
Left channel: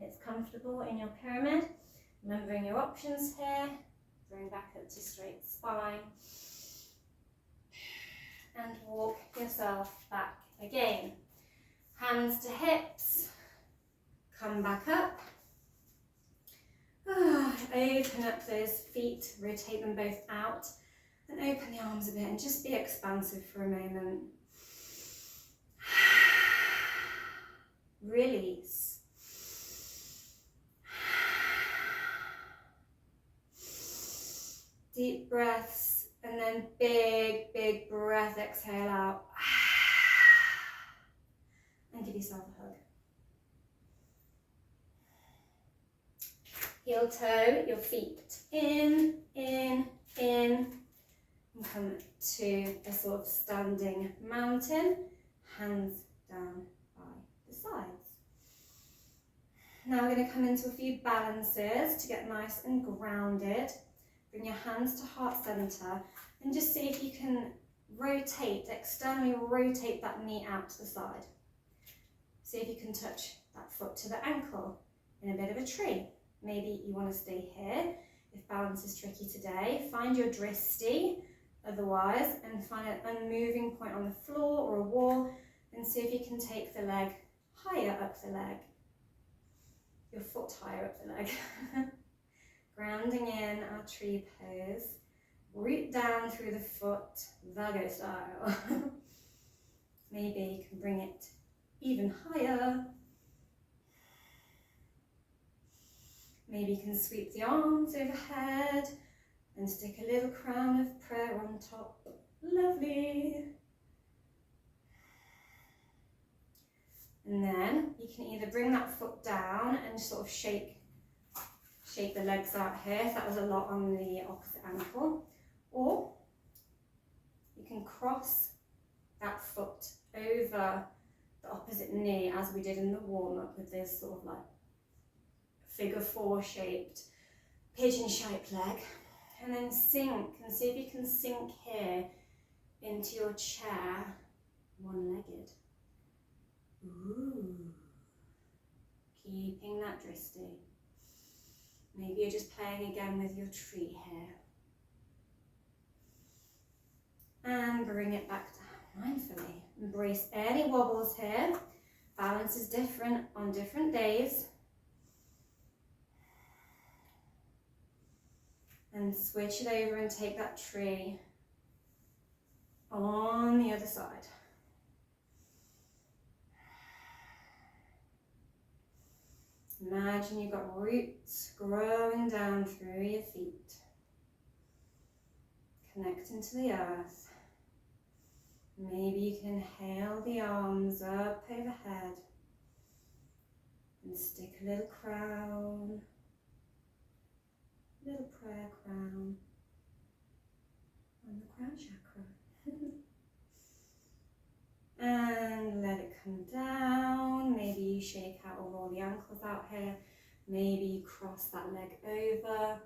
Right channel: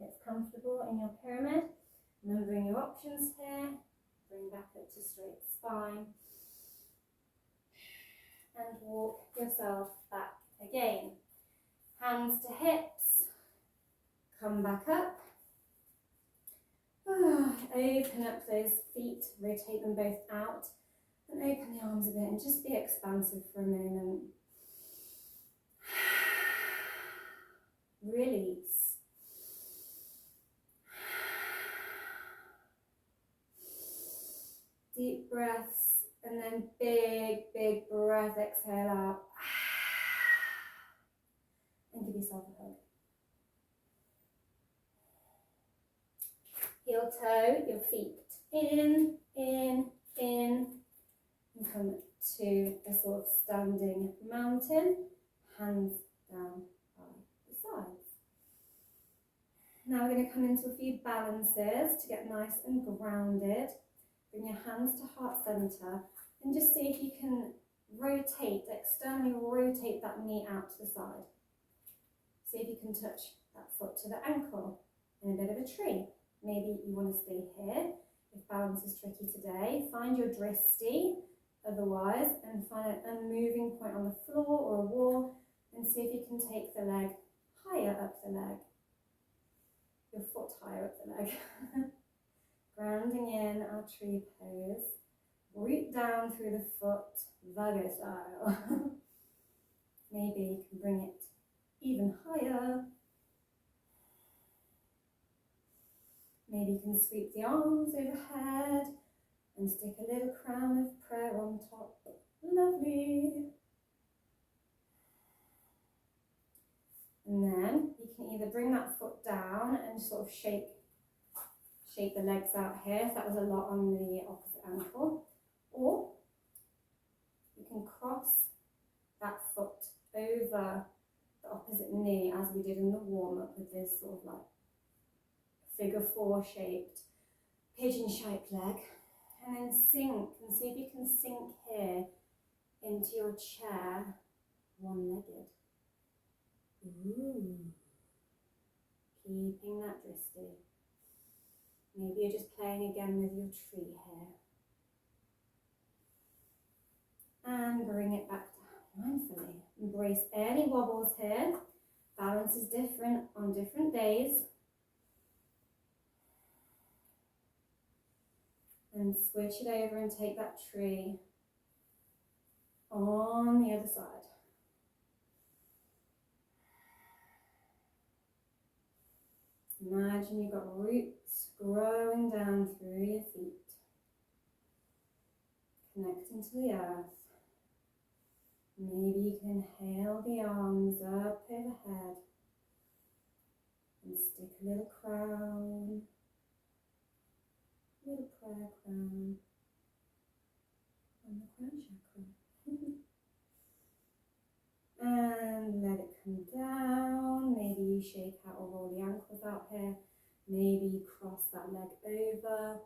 it's comfortable in your pyramid. Remembering your options here, bring back up to straight spine, and walk yourself back again. Hands to hips, come back up. Open up those feet, rotate them both out, and open the arms a bit and just be expansive for a moment. Release. Deep breaths, and then big, big breath, exhale out. And give yourself a hug. Heel toe your feet in, and come to a sort of standing mountain, hands down by the sides. Now we're going to come into a few balances to get nice and grounded. Bring your hands to heart center and just see if you can rotate, externally rotate that knee out to the side. See if you can touch that foot to the ankle in a bit of a tree. Maybe you want to stay here if balance is tricky today. Find your dristy otherwise, and find an unmoving point on the floor or a wall, and see if you can take the leg higher up the leg, your foot higher up the leg. Grounding in our tree pose, root down through the foot, Virgo style. Maybe you can bring it even higher. Maybe you can sweep the arms overhead and stick a little crown of prayer on top. Lovely. And then you can either bring that foot down and sort of shake the legs out here, if that was a lot on the opposite ankle, or you can cross that foot over the opposite knee as we did in the warm-up with this sort of like figure 4 shaped, pigeon shaped leg, and then sink, and see if you can sink here into your chair, one-legged. Ooh. Keeping that dristy. Maybe you're just playing again with your tree here. And bring it back down mindfully. Embrace any wobbles here. Balance is different on different days. And switch it over and take that tree on the other side. Imagine you've got roots growing down through your feet, connecting to the earth. Maybe you can hail the arms up overhead and stick a little crown, little prayer crown on the crown chakra. And let it come down. Maybe you shake out or roll the ankles out here. Maybe you cross that leg over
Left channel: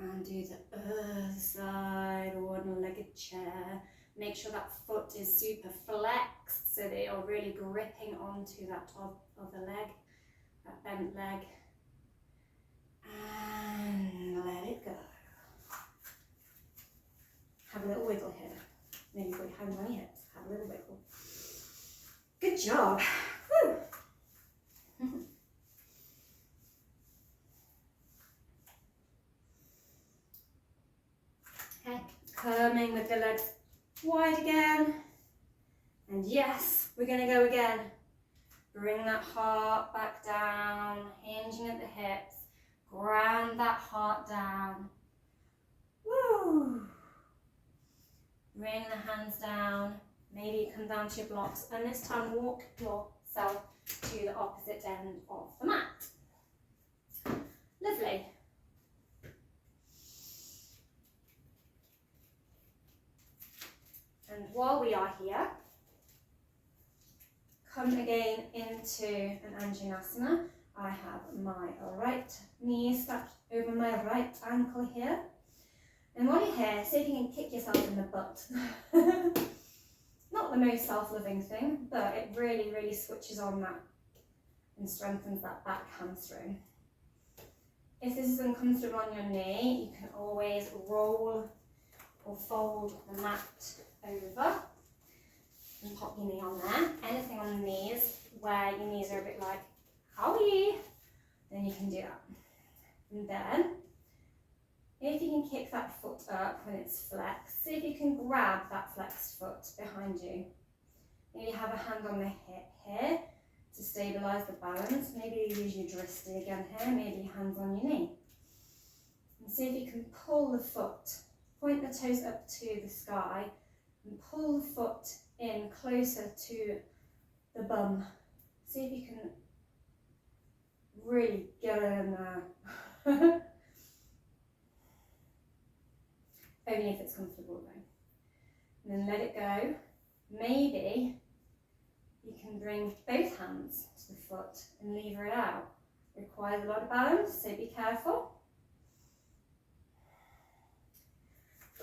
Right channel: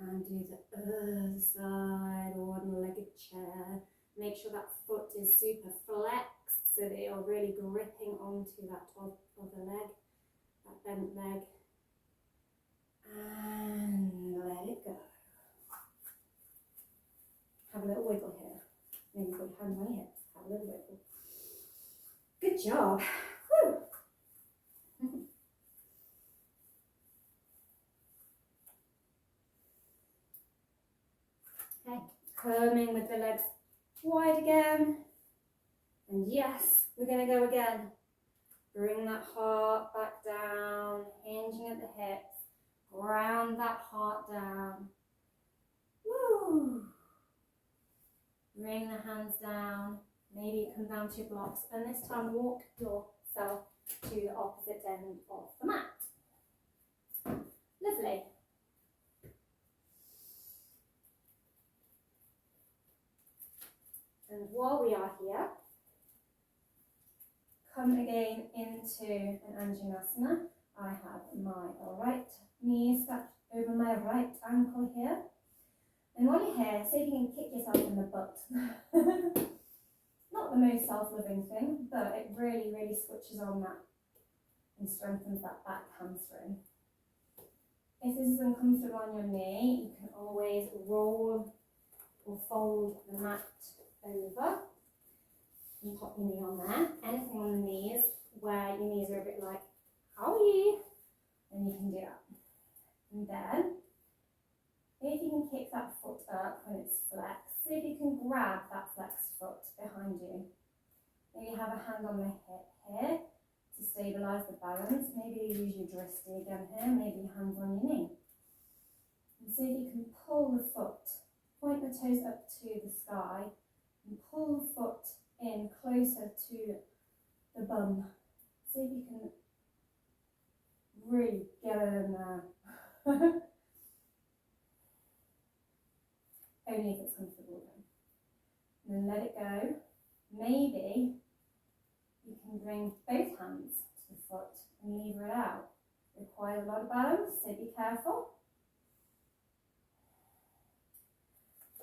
and do the other side, or one-legged chair. Make sure that foot is super flexed so that you're really gripping onto that top of the leg, that bent leg. And let it go. Have a little wiggle here. Maybe put your hands on your hips. Have a little wiggle. Good job. Woo. Okay, coming with the legs wide again. And yes, we're going to go again. Bring that heart back down, hinging at the hips. Ground that heart down. Woo! Bring the hands down. Maybe you come down to your blocks, and this time walk yourself to the opposite end of the mat. Lovely. And while we are here, come again into an Anjanasana. I have my right knee strapped over my right ankle here. And while you're here, see if you can kick yourself in the butt. Not the most self-loving thing, but it really, really switches on that and strengthens that back hamstring. If this is uncomfortable on your knee, you can always roll or fold the mat over and pop your knee on there. Anything on the knees where your knees are a bit like, owie, then you can do that. And then, if you can kick that foot up when it's flexed, see if you can grab that flexed foot behind you. Maybe have a hand on the hip here to stabilise the balance. Maybe use your wristy again here, maybe your hands on your knee. And see if you can pull the foot, point the toes up to the sky and pull the foot in closer to the bum. See if you can really get it in there. Only if it's comfortable though. And then let it go. Maybe you can bring both hands to the foot and lever it out. It requires a lot of balance, so be careful.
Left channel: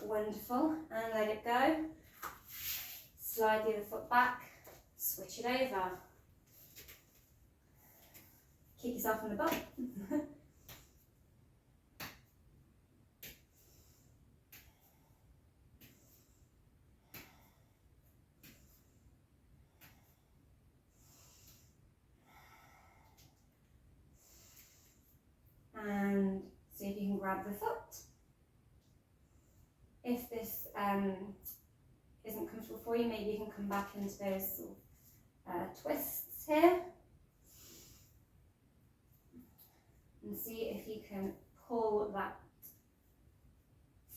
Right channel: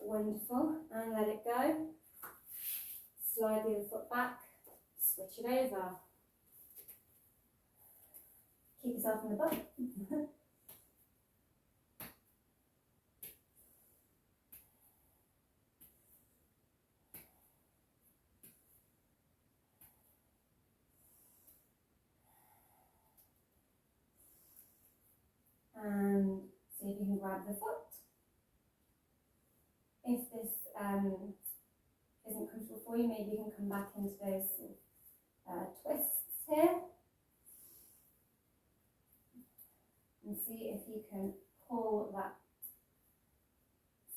Wonderful, and let it go. Slide the other foot back, switch it over. Kick yourself in the butt. And see if you can grab the foot. If this isn't comfortable for you, maybe you can come back into those twists here. And see if you can pull that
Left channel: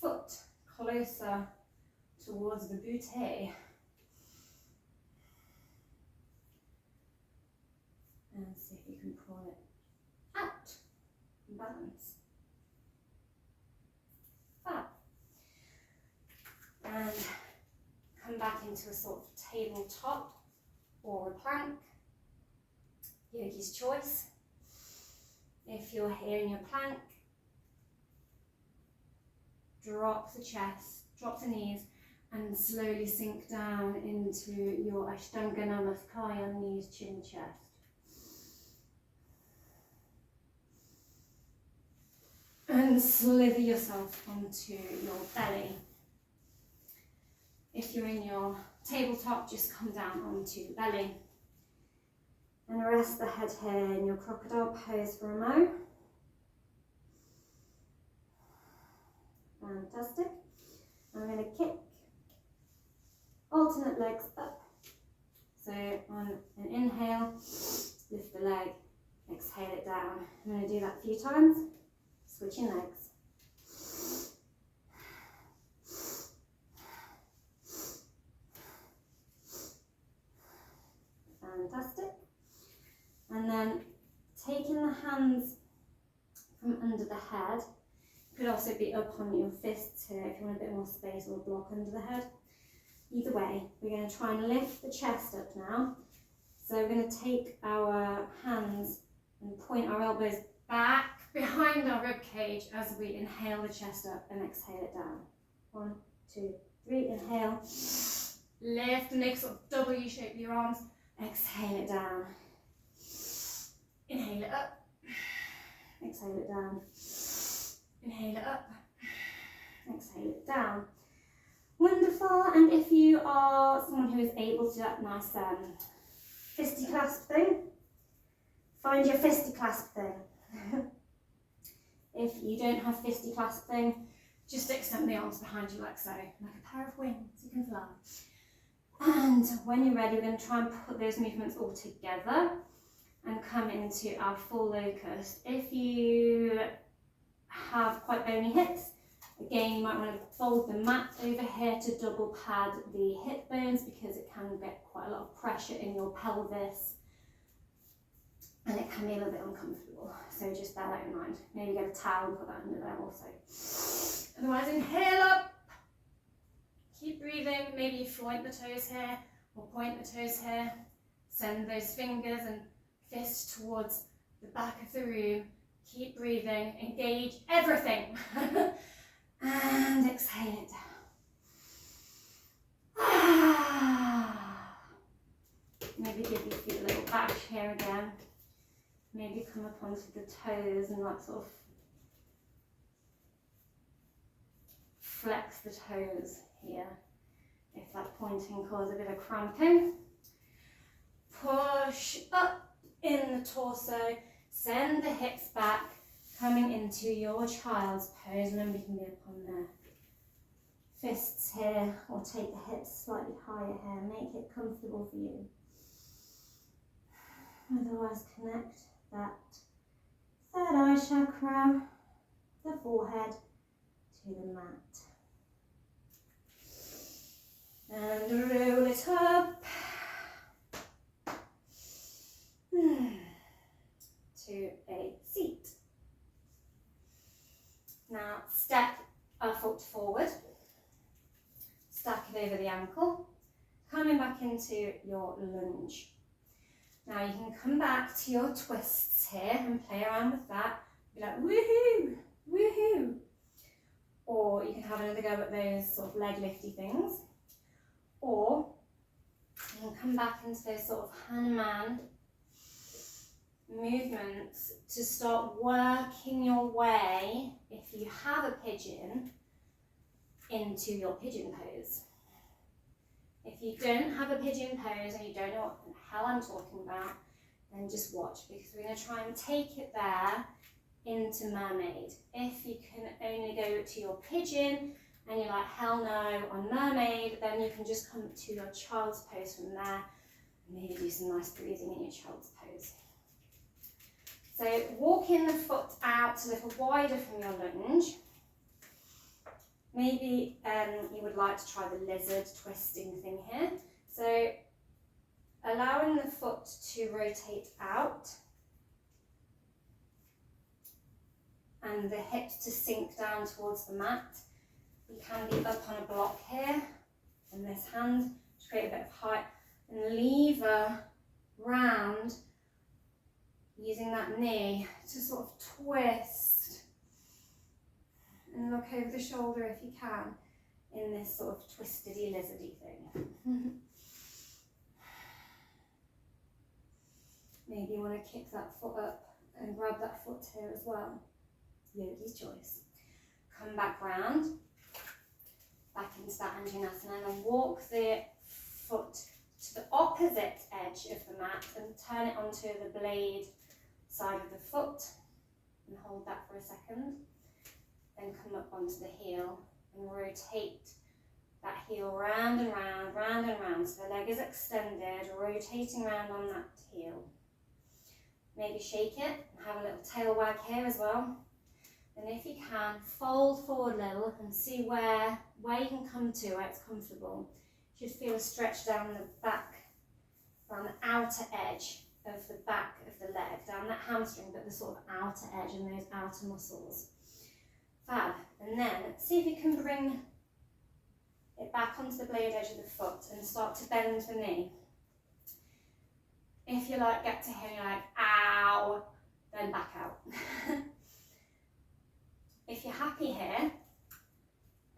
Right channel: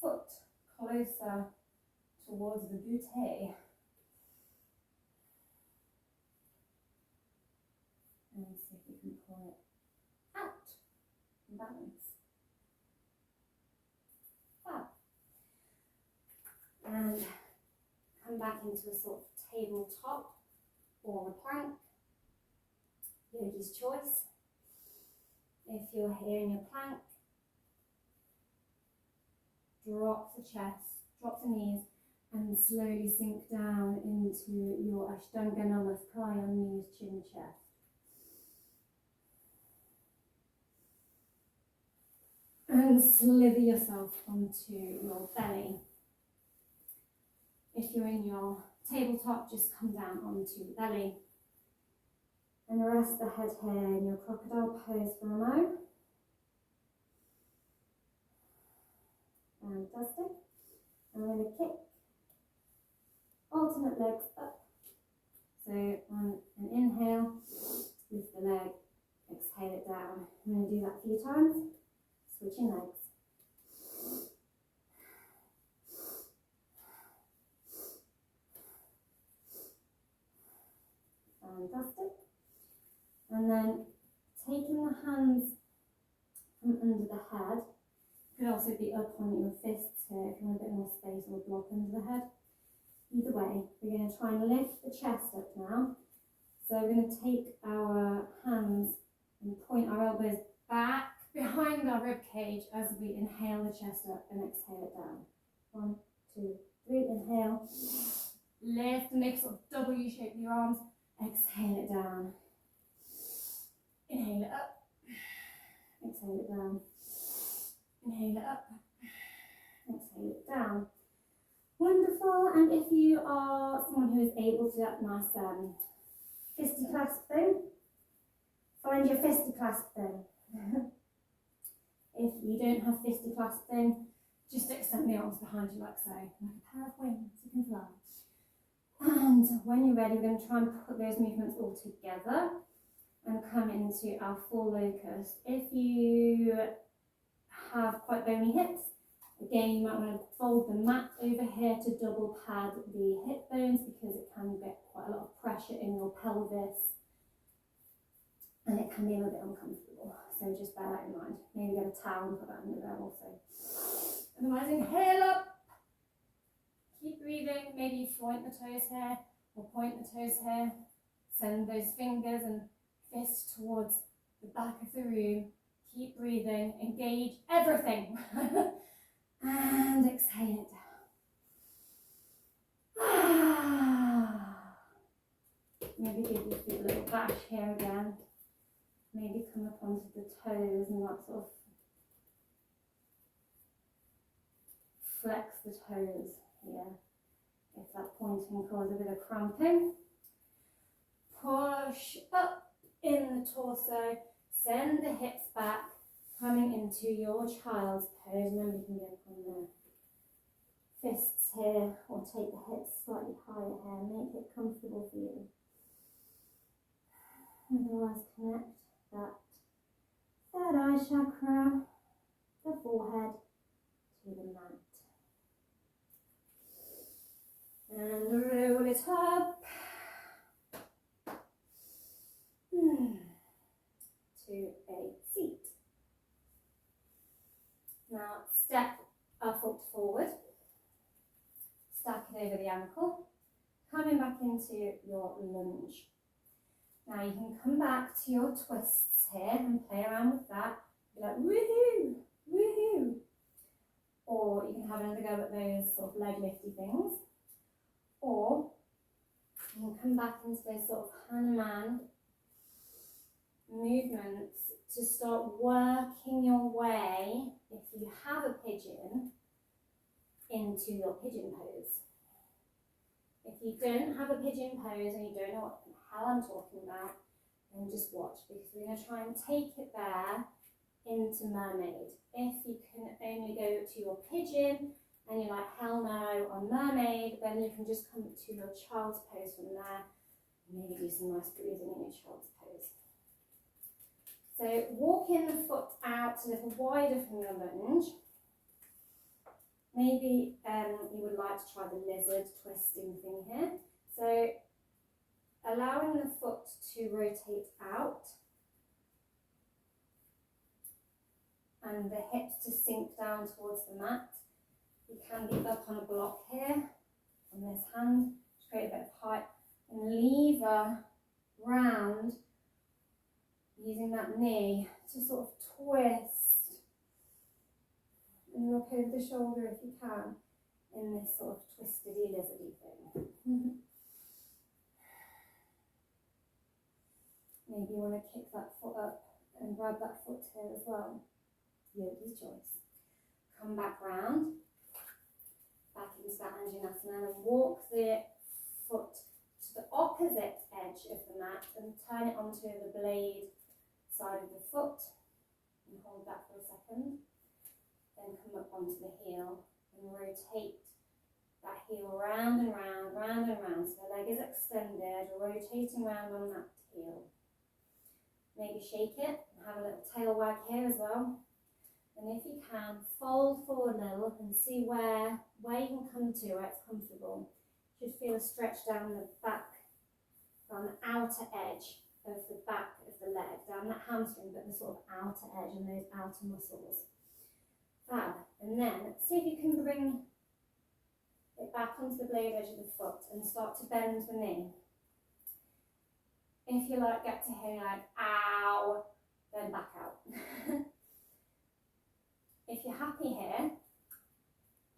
foot closer towards the boot. And see if you can pull it out and balance. Fab. And come back into a sort of tabletop or a plank, yogi's choice. If you're here in your plank, drop the chest, drop the knees, and slowly sink down into your Ashtanga Namaskaya, knees, chin, chest. And slither yourself onto your belly. If you're in your tabletop, just come down onto the belly. And rest the head here in your crocodile pose for a mo. Fantastic. I'm going to kick alternate legs up. So on an inhale, lift the leg, exhale it down. I'm going to do that a few times. Switching legs. Fantastic. And then taking the hands from under the head, could also be up on your fists here if you want a bit more space or block under the head. Either way, we're going to try and lift the chest up now. So we're going to take our hands and point our elbows back behind our rib cage as we inhale the chest up and exhale it down. 1, 2, 3, inhale. Lift and make sort of W shape your arms. Exhale it down. Inhale it up. Exhale it down. Inhale it up. Exhale it down. Wonderful. And if you are someone who is able to do that nice fisty clasp thing, find your fisty clasp thing. If you don't have fisty clasp thing, just extend the arms behind you like so, like a pair of wings, you can fly. And when you're ready, we're going to try and put those movements all together and come into our full locust. If you have quite bony hips, again, you might want to fold the mat over here to double pad the hip bones because it can get quite a lot of pressure in your pelvis and it can be a little bit uncomfortable. So just bear that in mind. Maybe get a towel and put that under there also. Otherwise, inhale up. Keep breathing. Maybe you point the toes here or point the toes here. Send those fingers and fists towards the back of the room. Keep breathing. Engage everything. And exhale it down. Maybe give your feet a little bash here again. Maybe come up onto the toes and like sort of flex the toes here. If that pointing causes a bit of cramping. Push up in the torso, send the hips back, coming into your child's pose. Remember, you can be up on the fists here, or take the hips slightly higher here. Make it comfortable for you. Otherwise, connect that third eye chakra, the forehead, to the mat. And roll it up to a seat. Now step a foot forward, stack it over the ankle, coming back into your lunge. Now you can come back to your twists here and play around with that. Be like, woohoo, woohoo. Or you can have another go at those sort of leg lifty things. Or you can come back into those sort of Hanuman movements to start working your way, if you have a pigeon, into your pigeon pose. If you don't have a pigeon pose and you don't know what the hell I'm talking about, then just watch, because we're going to try and take it there into mermaid. If you can only go to your pigeon and you're like, hell no, on mermaid, then you can just come to your child's pose from there and maybe do some nice breathing in your child's pose. So walking the foot out a little wider from your lunge. Maybe you would like to try the lizard twisting thing here. So allowing the foot to rotate out and the hips to sink down towards the mat. You can be up on a block here on this hand to create a bit of height, and lever round using that knee to sort of twist and look over the shoulder if you can in this sort of twistedy lizardy thing. Maybe you want to kick that foot up and grab that foot here as well. Yogi's choice. Come back round, back into that Anjaneyasana, and walk the foot to the opposite edge of the mat and turn it onto the blade side of the foot and hold that for a second. Then come up onto the heel and rotate that heel round and round, round and round. So the leg is extended, rotating round on that heel. Maybe shake it and have a little tail wag here as well. And if you can, fold forward a little and see where you can come to, where it's comfortable. You should feel a stretch down the back, down the outer edge of the back of the leg, down that hamstring, but the sort of outer edge and those outer muscles. Fab. And then see if you can bring it back onto the blade edge of the foot and start to bend the knee. If you like, get to here and you're like, ow, then back out. If you're happy here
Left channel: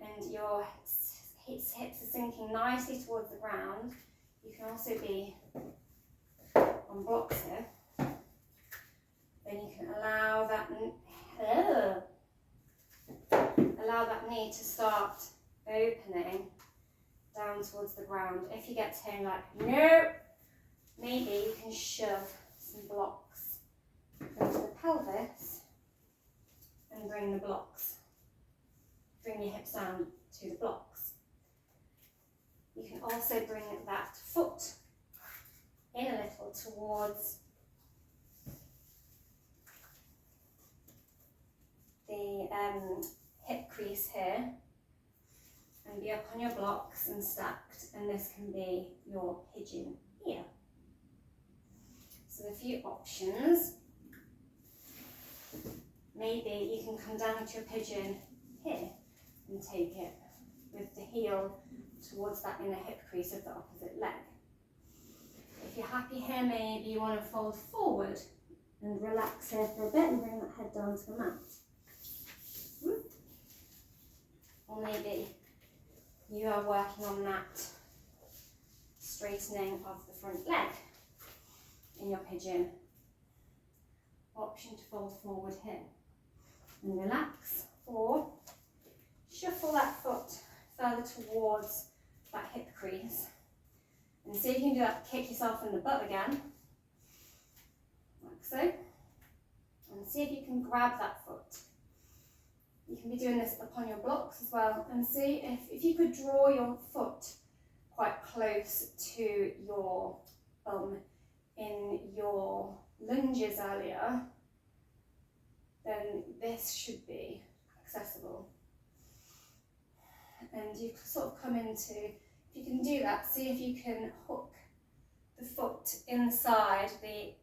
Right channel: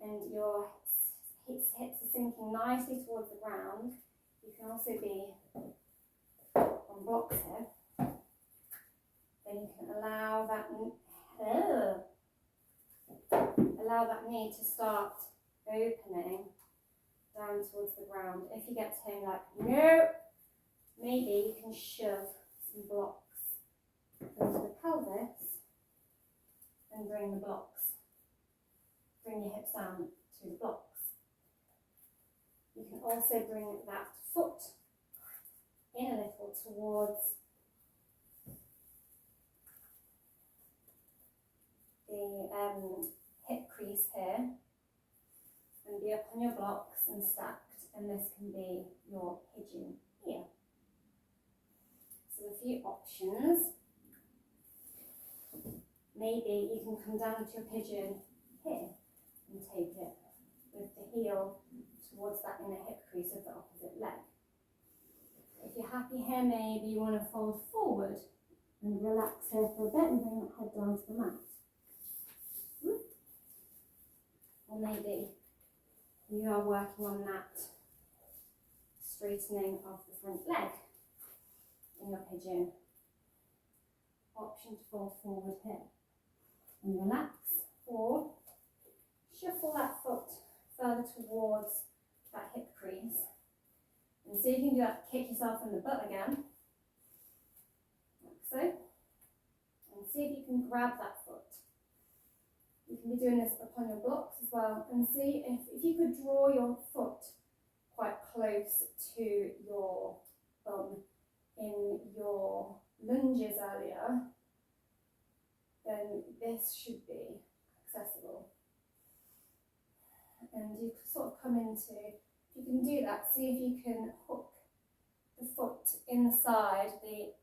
and your hips are sinking nicely towards the ground, you can also be on blocks here. Then you can allow that knee to start opening down towards the ground. If you get to here and like, nope, maybe you can shove some blocks into the pelvis and bring the blocks. Bring your hips down to the blocks. You can also bring that foot in a little towards the hip crease here and be up on your blocks and stacked, and this can be your pigeon here. So a few options. Maybe you can come down to your pigeon here and take it with the heel towards that inner hip crease of the opposite leg. If you're happy here, maybe you want to fold forward and relax here for a bit and bring that head down to the mat. Or maybe you are working on that straightening of the front leg in your pigeon. option to fold forward here and relax, or shuffle that foot further towards that hip crease. And see if you can do that, kick yourself in the butt again, like so. And see if you can grab that foot. You can be doing this upon your blocks as well, and see if you could draw your foot quite close to your bum in your lunges earlier, then this should be accessible. And you sort of come into, if you can do that, see if you can hook the foot inside the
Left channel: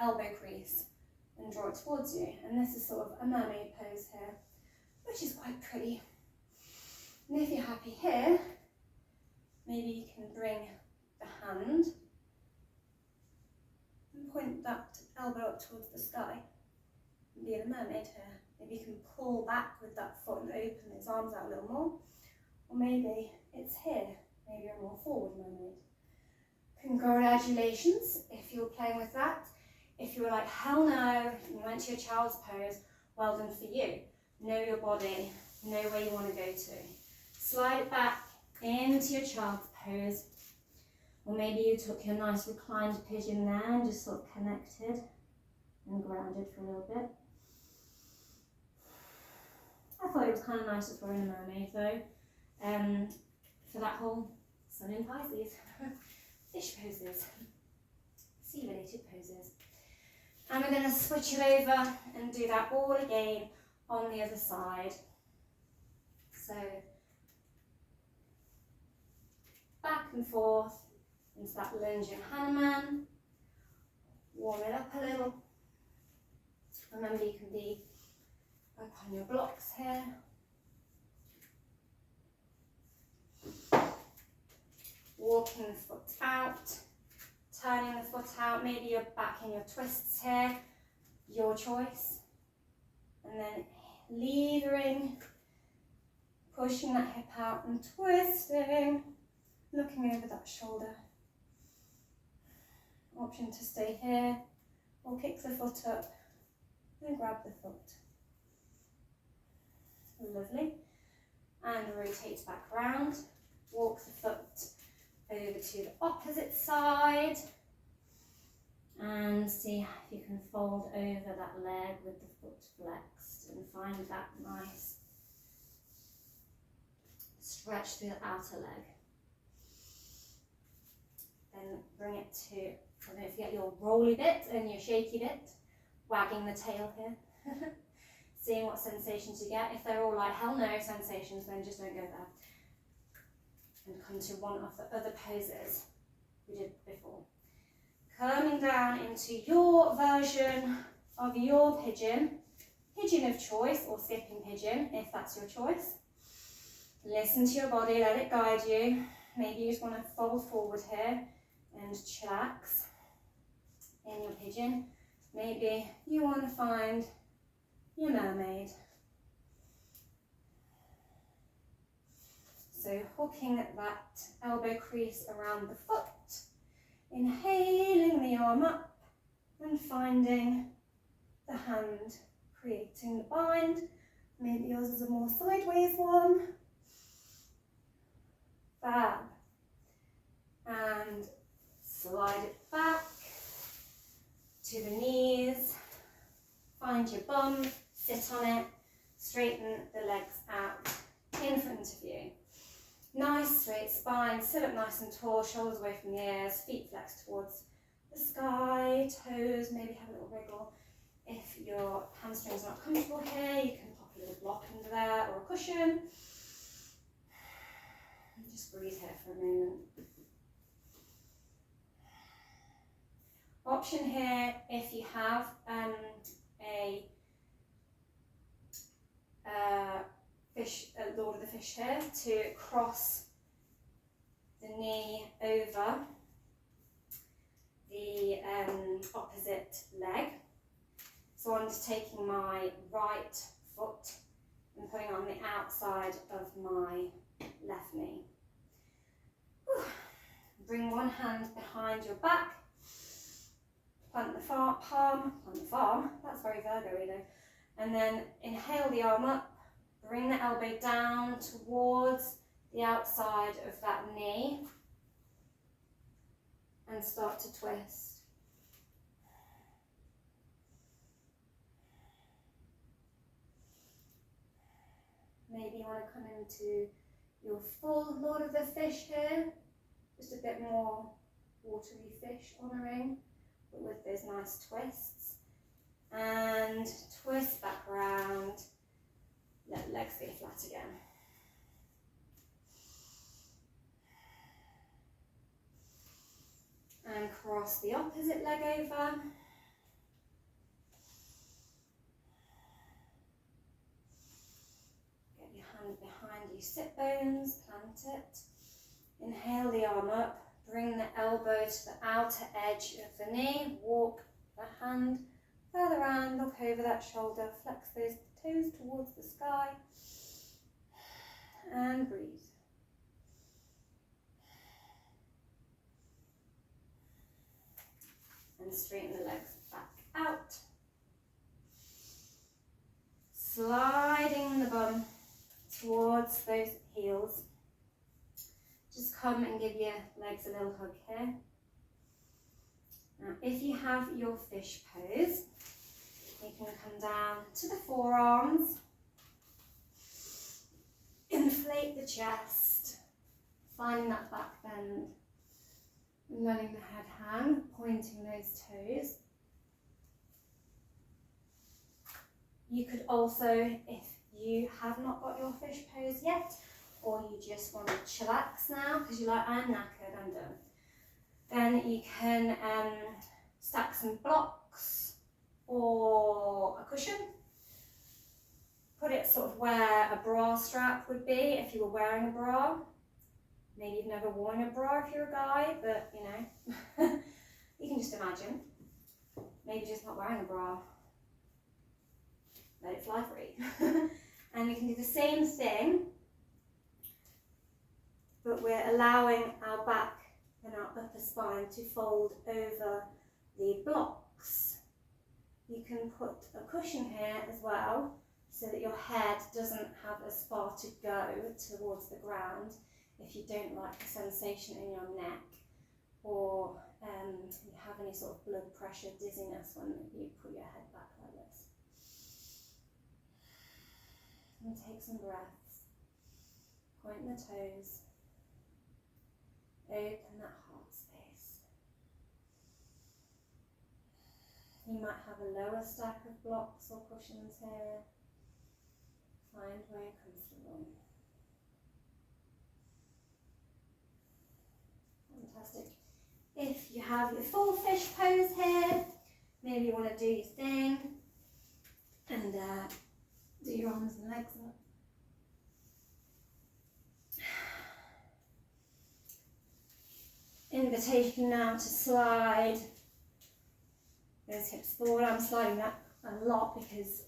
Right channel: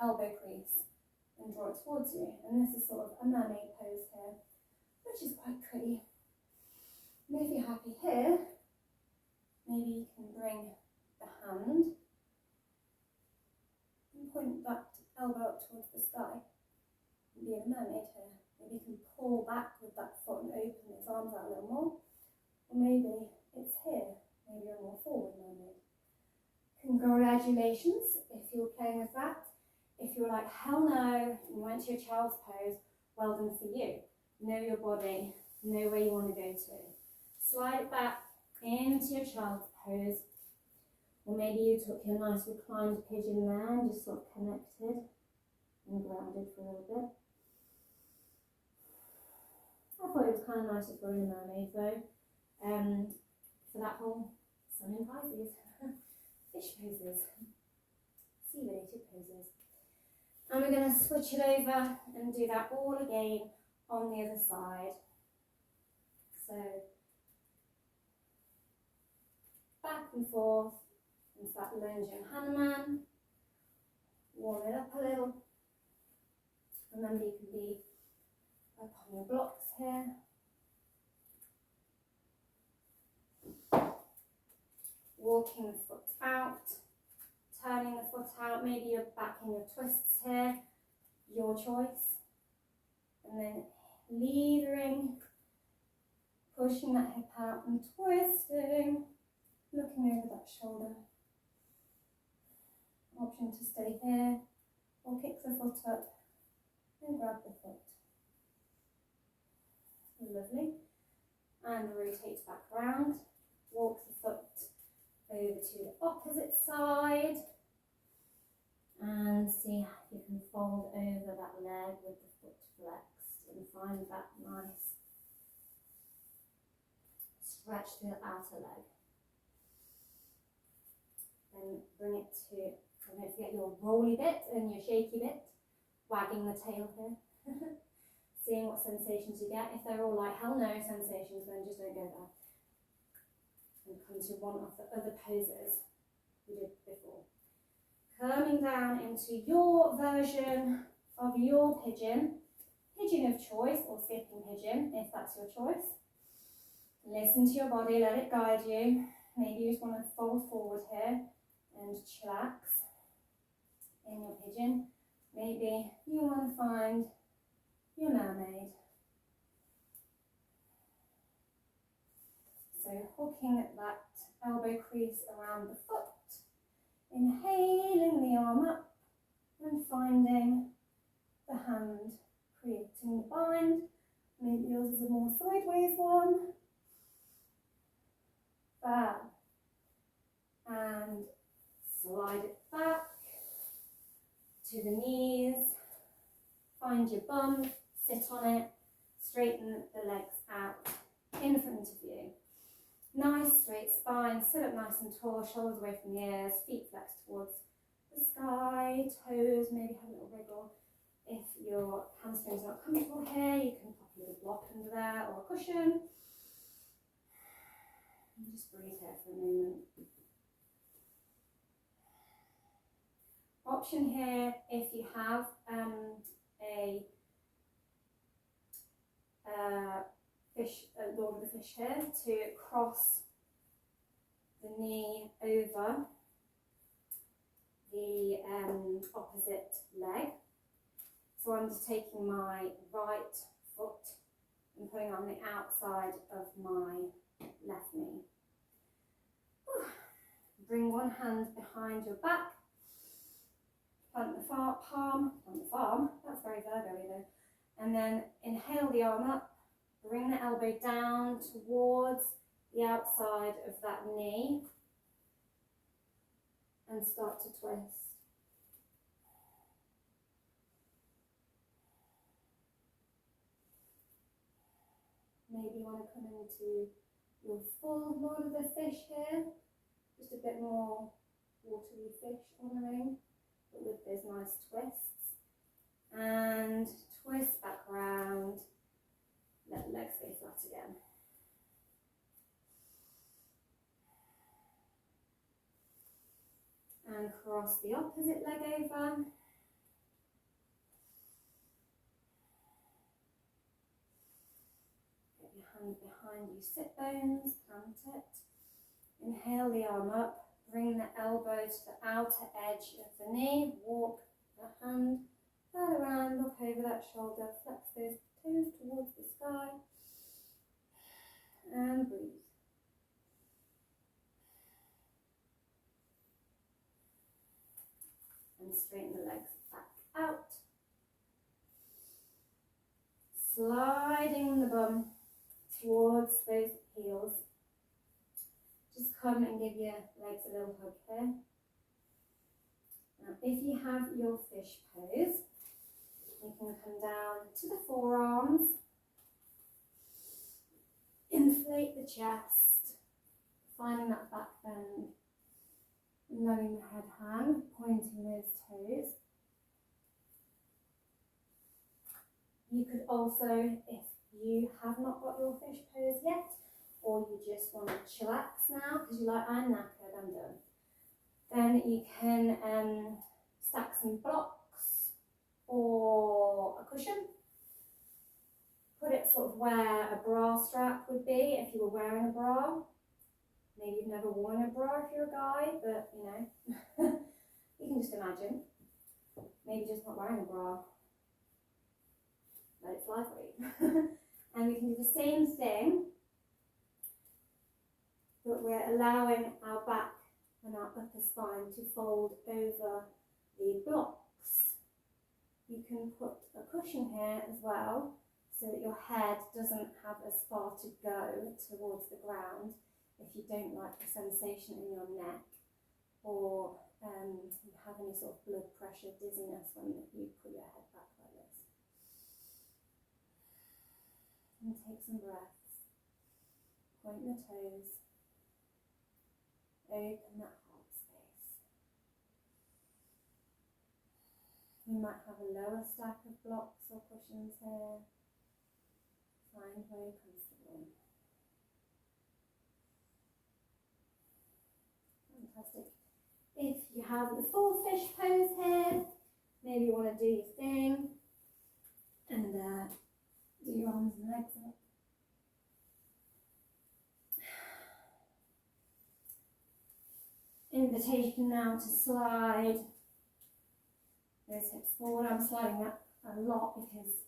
elbow crease and draw it towards you. And this is sort of a mermaid pose here, which is quite pretty. And if you're happy here, maybe you can bring the hand and point that elbow up towards the sky and be in a mermaid here. Maybe you can pull back with that foot and open those arms out a little more. Or maybe it's here, maybe you're a more forward mermaid. Congratulations if you're playing with that. If you're like, hell no, you went to your child's pose, well done for you. Know your body, know where you want to go to. Slide it back into your child's pose. Or maybe you took your nice reclined pigeon there and just sort of connected and grounded for a little bit. I thought it was kind of nice if we're in a mermaid though, for that whole Sun in Pisces, fish poses, sea related poses. And we're going to switch it over and do that all again on the other side. So back and forth into that lunging Hanuman. Warm it up a little. Remember, you can be up on your blocks here. Walking the foot out, turning the foot out, maybe you're back in your twists here, your choice. And then levering, pushing that hip out and twisting, looking over that shoulder. Option to stay here or kick the foot up and grab the foot. Lovely. And rotate back round. Walk the foot over to the opposite side. And see if you can fold over that leg with the foot flexed and find that nice stretch through the outer leg. Then bring it to, don't forget your rolly bit and your shaky bit, wagging the tail here. Seeing what sensations you get. If they're all like hell no sensations, then just don't go there. And come to one of the other poses we did before. Coming down into your version of your pigeon, pigeon of choice or skipping pigeon if that's your choice. Listen to your body, let it guide you. Maybe you just want to fold forward here and chillax in your pigeon. Maybe you want to find your mermaid. So hooking that elbow crease around the foot, inhaling the arm up and finding the hand, creating the bind. Maybe yours is a more sideways one. Fab. And slide it back to the knees. Find your bum, sit on it, straighten the legs out in front of you. Nice straight spine, sit up nice and tall, shoulders away from the ears, feet flexed towards the sky, toes, maybe have a little wriggle. If your hamstrings are not comfortable here, you can pop a little block under there or a cushion. And just breathe here for a moment. Option here, if you have Lord of the Fish here, to cross the knee over the opposite leg. So I'm just taking my right foot and putting it on the outside of my left knee. Whew. Bring one hand behind your back plant the palm, that's very Virgo-y though. And then inhale the arm up, bring the elbow down towards the outside of that knee and start to twist. Maybe you want to come into your full Lord of the Fish here, just a bit more watery fish honouring, but with those nice twists. And twist back round, let legs go flat again. And cross the opposite leg over. Get your hand behind you, sit bones, plant it. Inhale the arm up, bring the elbow to the outer edge of the knee, walk the hand further around, look over that shoulder, flex those toes towards the sky, and breathe. And straighten the legs back out. Sliding the bum towards those heels. Just come and give your legs a little hug here. Now, if you have your fish pose, you can come down to the forearms, inflate the chest, finding that back bend, letting the head hang, pointing those toes. You could also, if you have not got your fish pose yet, or you just want to chillax now because you're like, I'm knackered, I'm done, then you can stack some blocks or a cushion. Put it sort of where a bra strap would be if you were wearing a bra. Maybe you've never worn a bra if you're a guy, but you know, you can just imagine. Maybe just not wearing a bra. Let it fly free. And we can do the same thing, but we're allowing our back and our upper spine to fold over the blocks. You can put a cushion here as well, so that your head doesn't have as far to go towards the ground if you don't like the sensation in your neck, or you have any sort of blood pressure, dizziness when you put your head back like this. And take some breaths. Point the toes. Open that heart space. You might have a lower stack of blocks or cushions here. Find where you're comfortable. Fantastic. If you have your full fish pose here, maybe you want to do your thing and do your arms and legs up. Invitation now to slide those hips forward. I'm sliding that a lot because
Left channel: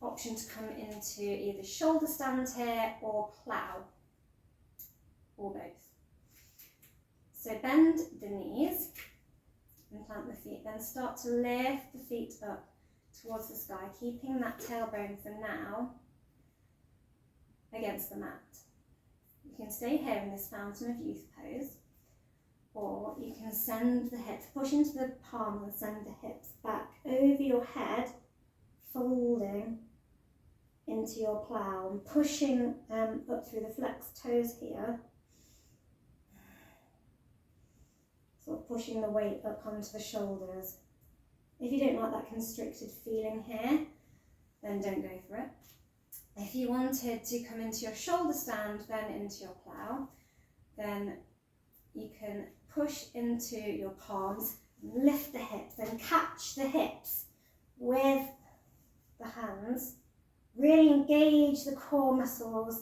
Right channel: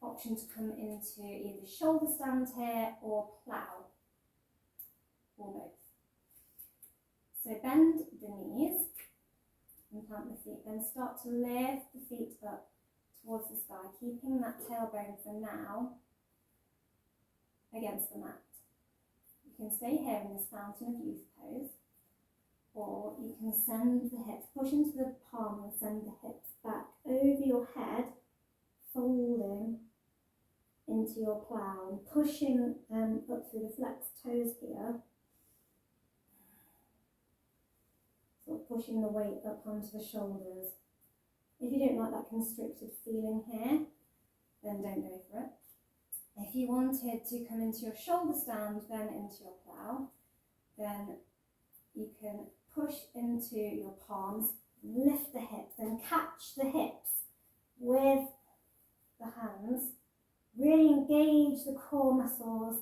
option to come into either shoulder stand here or plough, or both. So bend the knees and plant the feet, then start to lift the feet up towards the sky, keeping that tailbone for now against the mat. You can stay here in this Fountain of Youth pose, or you can send the hips, push into the palm and send the hips back over your head, folding into your plough and pushing up through the flexed toes here. Sort of pushing the weight up onto the shoulders. If you don't like that constricted feeling here, then don't go for it. If you wanted to come into your shoulder stand, then into your plough, then you can push into your palms, lift the hips, then catch the hips with the hands. Really engage the core muscles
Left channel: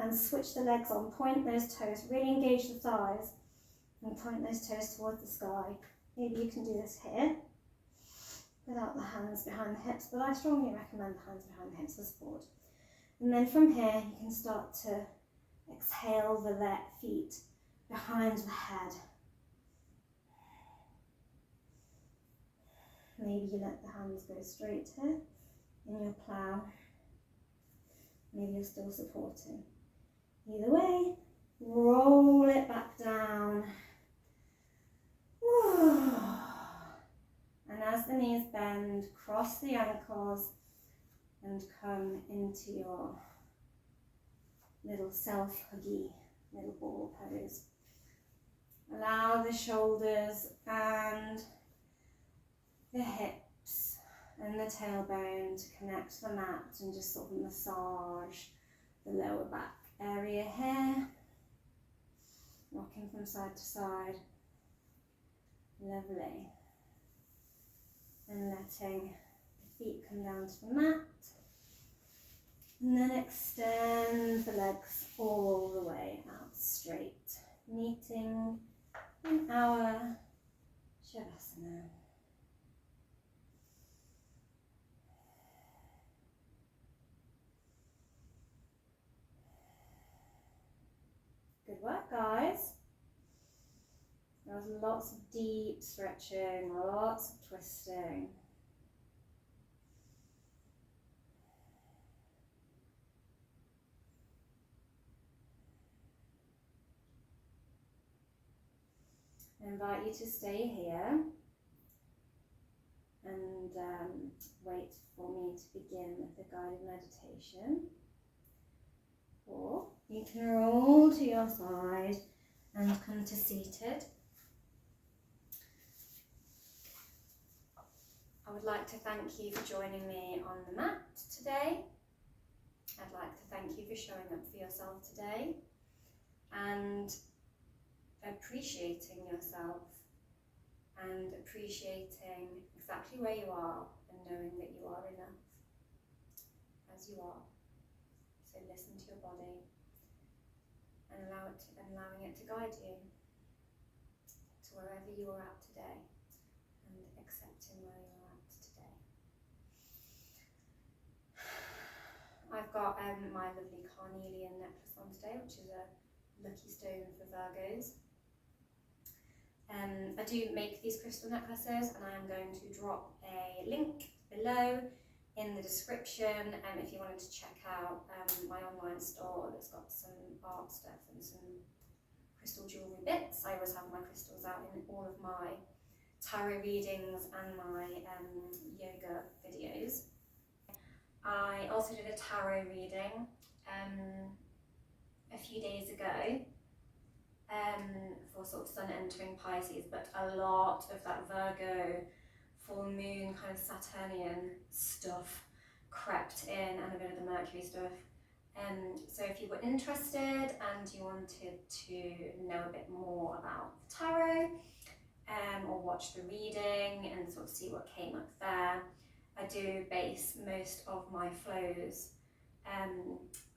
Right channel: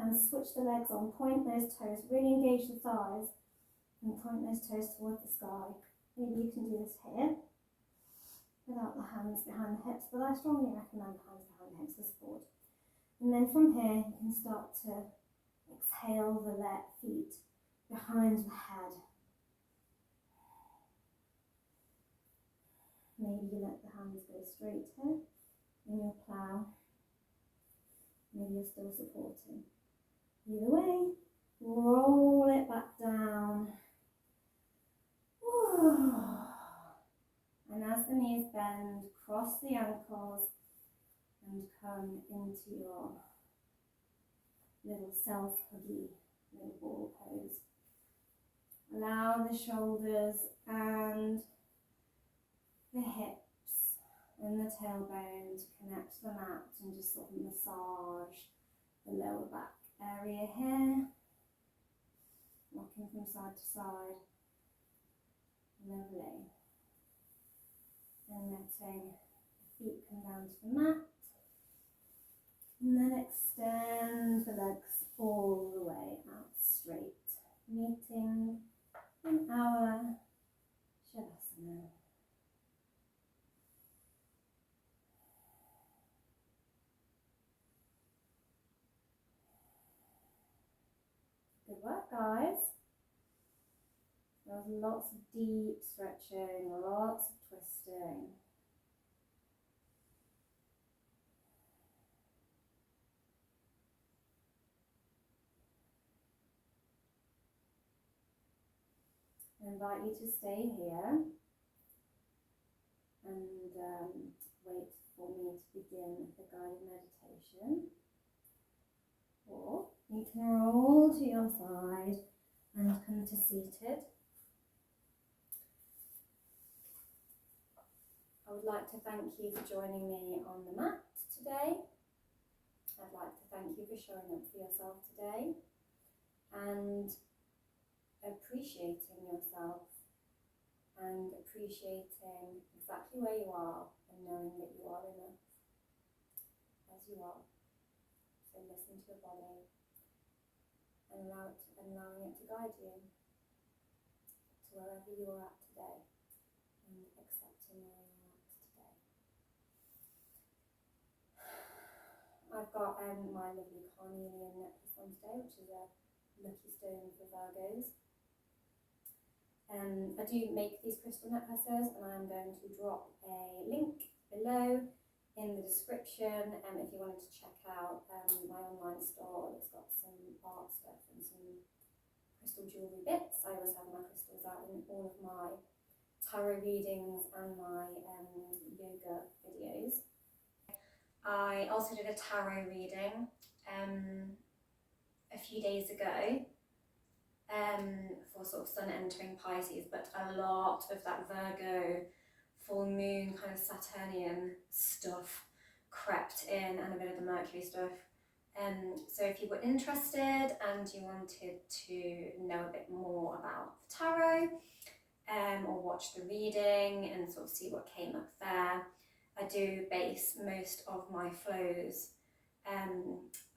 and switch the legs on. Point those toes, really engage the thighs and point those toes towards the sky. Maybe you can do this here without the hands behind the hips, but I strongly recommend the hands behind the hips for support. And then from here you can start to exhale the feet behind the head. Maybe you let the hands go straight here in your plough. Maybe you're still supporting. Either way, roll it back down. And as the knees bend, cross the ankles and come into your little self-huggy little ball pose. Allow the shoulders and the hips and the tailbone to connect to the mat and just sort of massage the lower back area here. Rocking from side to side. Lovely. And letting the feet come down to the mat. And then extend the legs all the way out straight, meeting in our Shavasana. Good work, guys. There was lots of deep stretching, lots of twisting. I invite you to stay here and wait for me to begin the guided meditation. Or you can roll to your side and come to seated. I would like to thank you for joining me on the mat today. I'd like to thank you for showing up for yourself today and appreciating yourself and appreciating exactly where you are and knowing that you are enough as you are. So listen to your body and allowing it to guide you to wherever you are at today and accepting where you are at today. I've got my lovely carnelian necklace on today, which is a lucky stone for Virgos. I do make these crystal necklaces, and I am going to drop a link below in the description if you wanted to check out my online store that's got some art stuff and some crystal jewellery bits. I always have my crystals out in all of my tarot readings and my yoga videos. I also did a tarot reading a few days ago for sort of sun entering Pisces, but a lot of that Virgo full moon kind of Saturnian stuff crept in, and a bit of the Mercury stuff. So if you were interested and you wanted to know a bit more about the tarot or watch the reading and sort of see what came up there, I do base most of my flows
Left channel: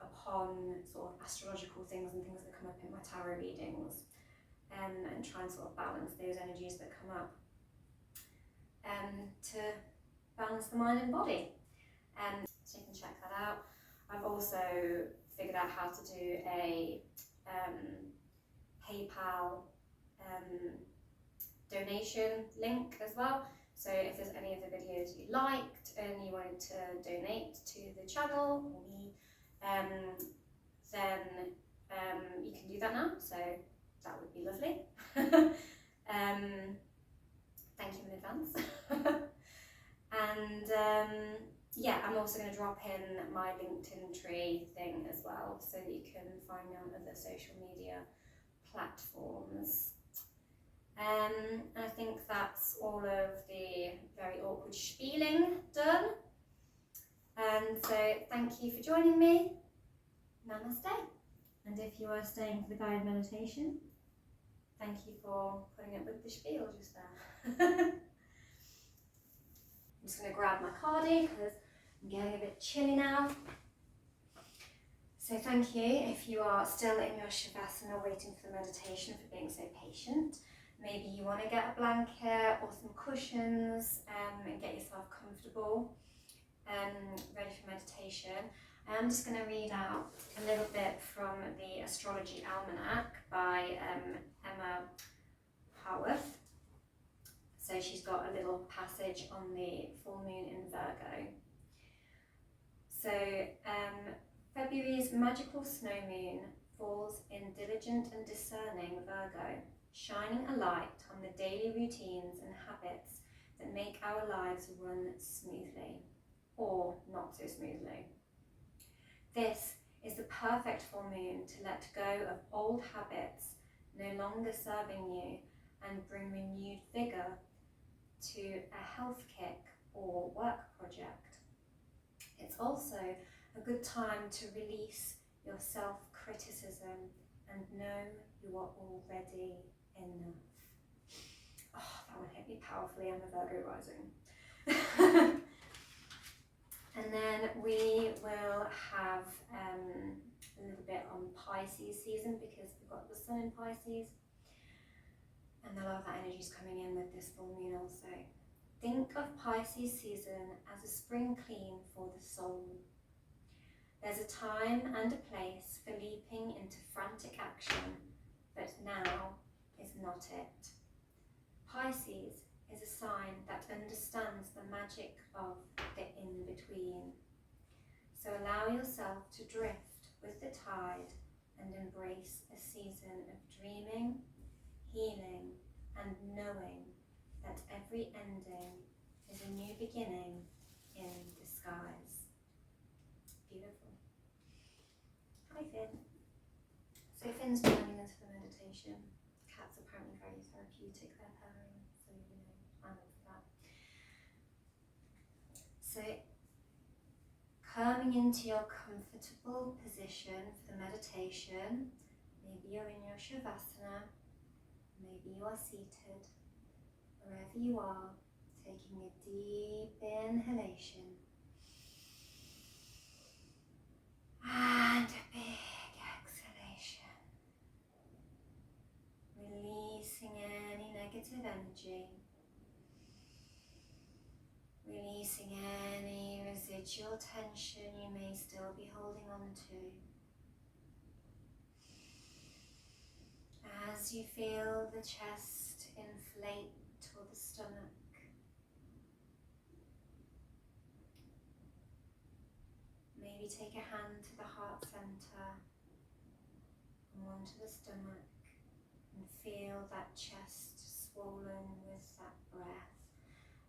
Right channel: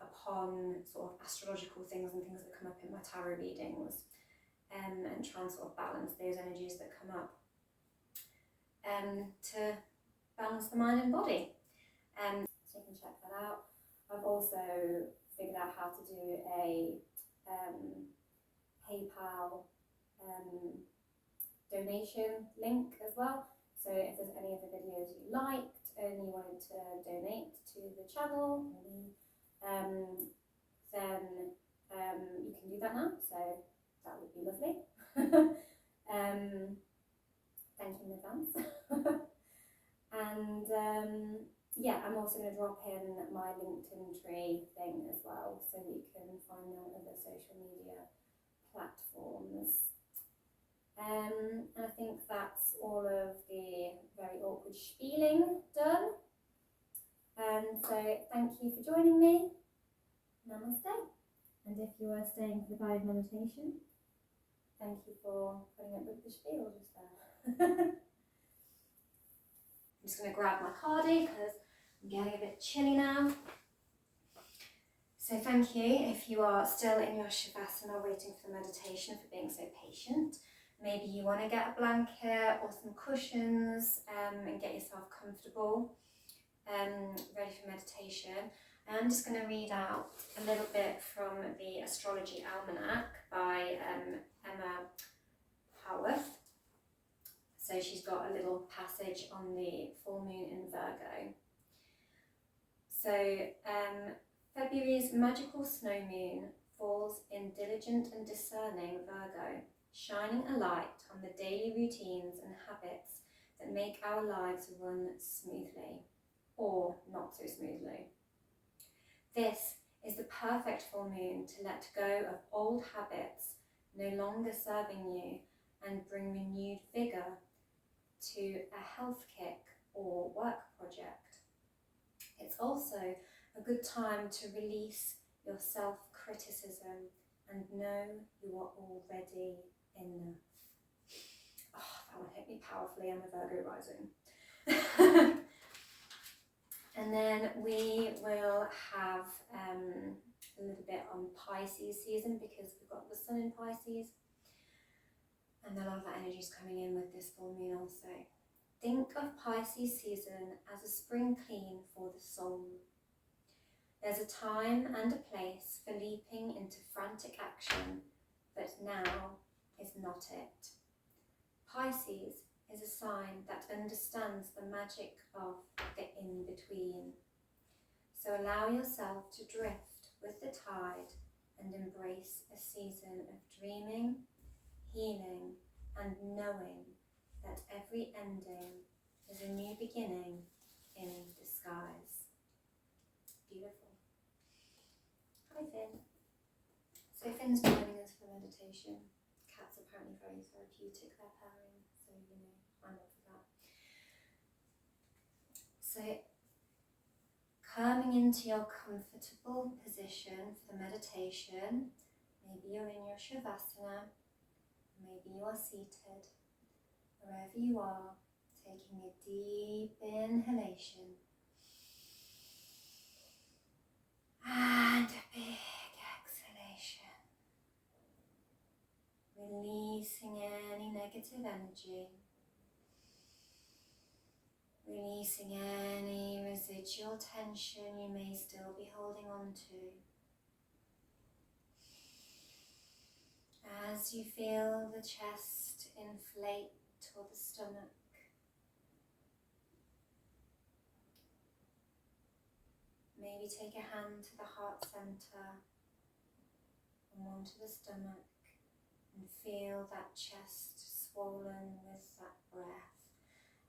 upon sort of astrological things and things that come up in my tarot readings, and try and sort of balance those energies that come up to balance the mind and body. So you can check that out. I've also figured out how to do a PayPal donation link as well. So if there's any of the videos you liked and you wanted to donate to the channel or me, then you can do that now. So that would be lovely. Thank you in advance. And yeah, I'm also going to drop in my LinkedIn tree thing as well, so that you can find me on other social media platforms. And I think that's all of the very awkward spieling done. And so thank you for joining me. Namaste. And if you are staying for the guided meditation, thank you for putting up with the spiel just there. I'm just going to grab my cardi because I'm getting a bit chilly now. So thank you if you are still in your Shavasana waiting for the meditation, for being so patient. Maybe you want to get a blanket or some cushions and get yourself comfortable, ready for meditation. I'm just going to read out a little bit from the Astrology Almanac by Emma Howarth. So she's got a little passage on on the full moon in Virgo. So February's magical snow moon falls in diligent and discerning Virgo, shining a light on the daily routines and habits that make our lives run smoothly, or not so smoothly. This is the perfect full moon to let go of old habits no longer serving you and bring renewed vigour to a health kick or work project. It's also a good time to release your self-criticism and know you are already enough. Oh, that one hit me powerfully. I'm a Virgo rising. And then we will have a little bit on Pisces season, because we've got the sun in Pisces. And a lot of that energy is coming in with this full moon also. Think of Pisces season as a spring clean for the soul. There's a time and a place for leaping into frantic action, but now is not it. Pisces is a sign that understands the magic of the in-between. So allow yourself to drift with the tide and embrace a season of dreaming, healing, and knowing that every ending is a new beginning in disguise. Beautiful. Hi Finn. So Finn's joining us for meditation. Cats are apparently very therapeutic, they're purring, so you know, I'm up for that. So coming into your comfortable position for the meditation, maybe you're in your Shavasana, maybe you are seated. Wherever you are, taking a deep inhalation and a big exhalation, releasing any negative energy, releasing any residual tension you may still be holding on to. As you feel the chest inflate or the stomach, maybe take a hand to the heart center and one to the stomach, and feel that chest swollen with that breath,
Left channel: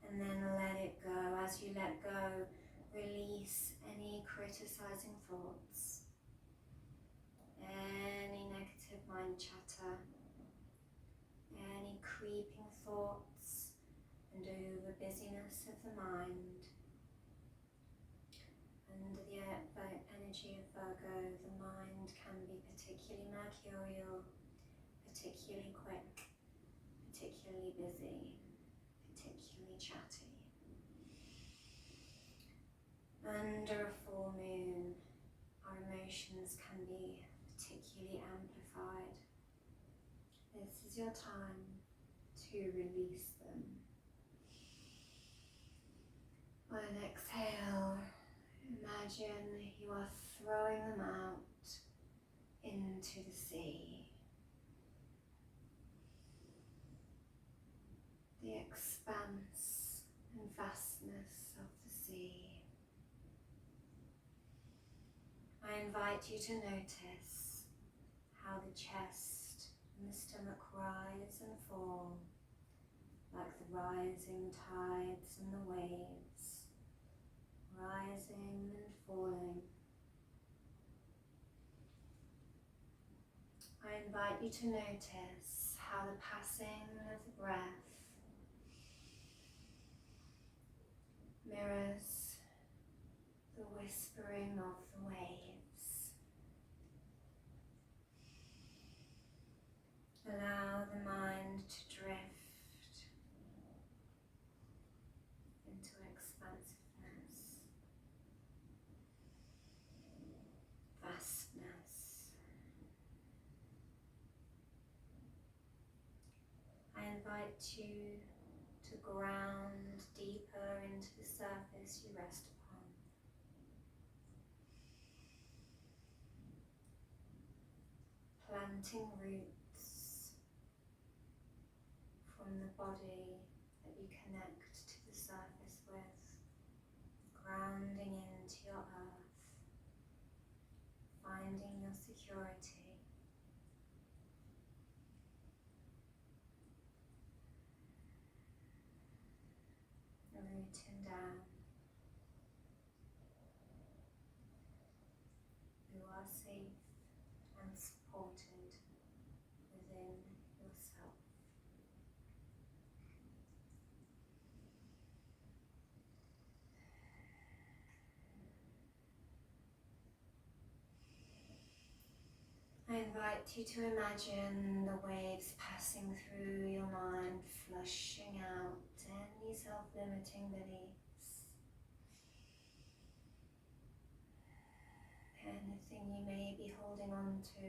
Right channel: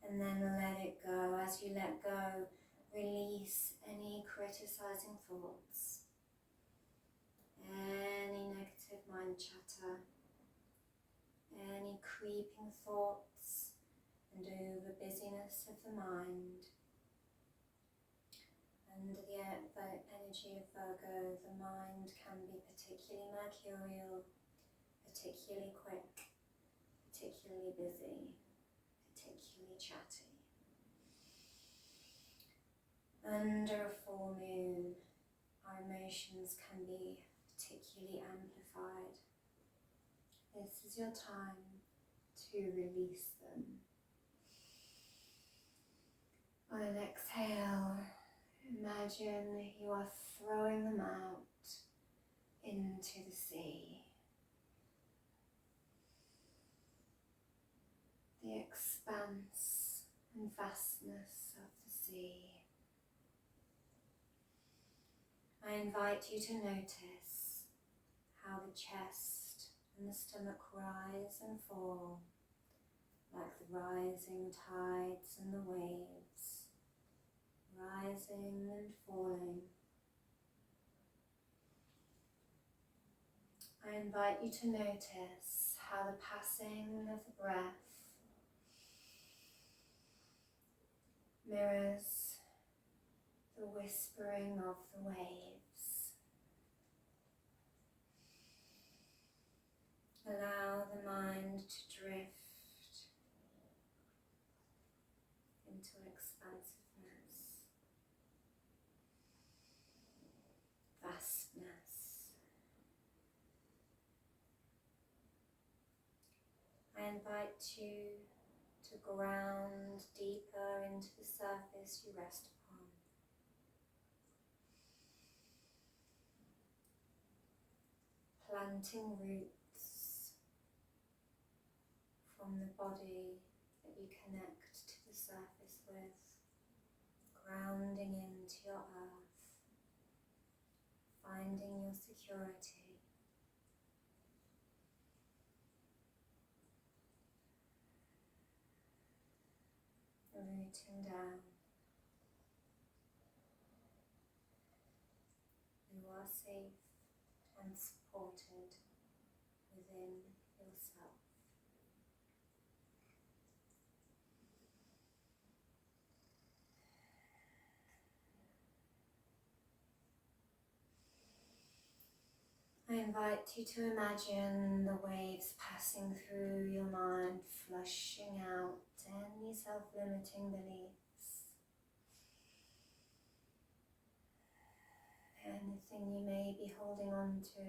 and then let it go. As you let go, release any criticizing thoughts, any negative mind chatter, any creeping thoughts and over busyness of the mind. Under the energy of Virgo, the mind can be particularly mercurial, particularly quick, particularly busy, particularly chatty. Under a full moon, our emotions can be particularly amplified. This is your time to release them. On an exhale, imagine you are throwing them out into the sea. The expanse and vastness of the sea. I invite you to notice how the chest and the stomach rise and fall like the rising tides and the waves, rising and falling. I invite you to notice how the passing of the breath mirrors the whispering of the waves. Allow the mind to drift into expansiveness, vastness. I invite you to ground deeper into the surface you rest upon. Planting roots from the body that you connect to the surface with grounding into your earth, finding your security. Rooting down. You are safe and supported within yourself. I invite you to imagine the waves passing through your mind, flushing out any self-limiting beliefs, anything you may be holding on to,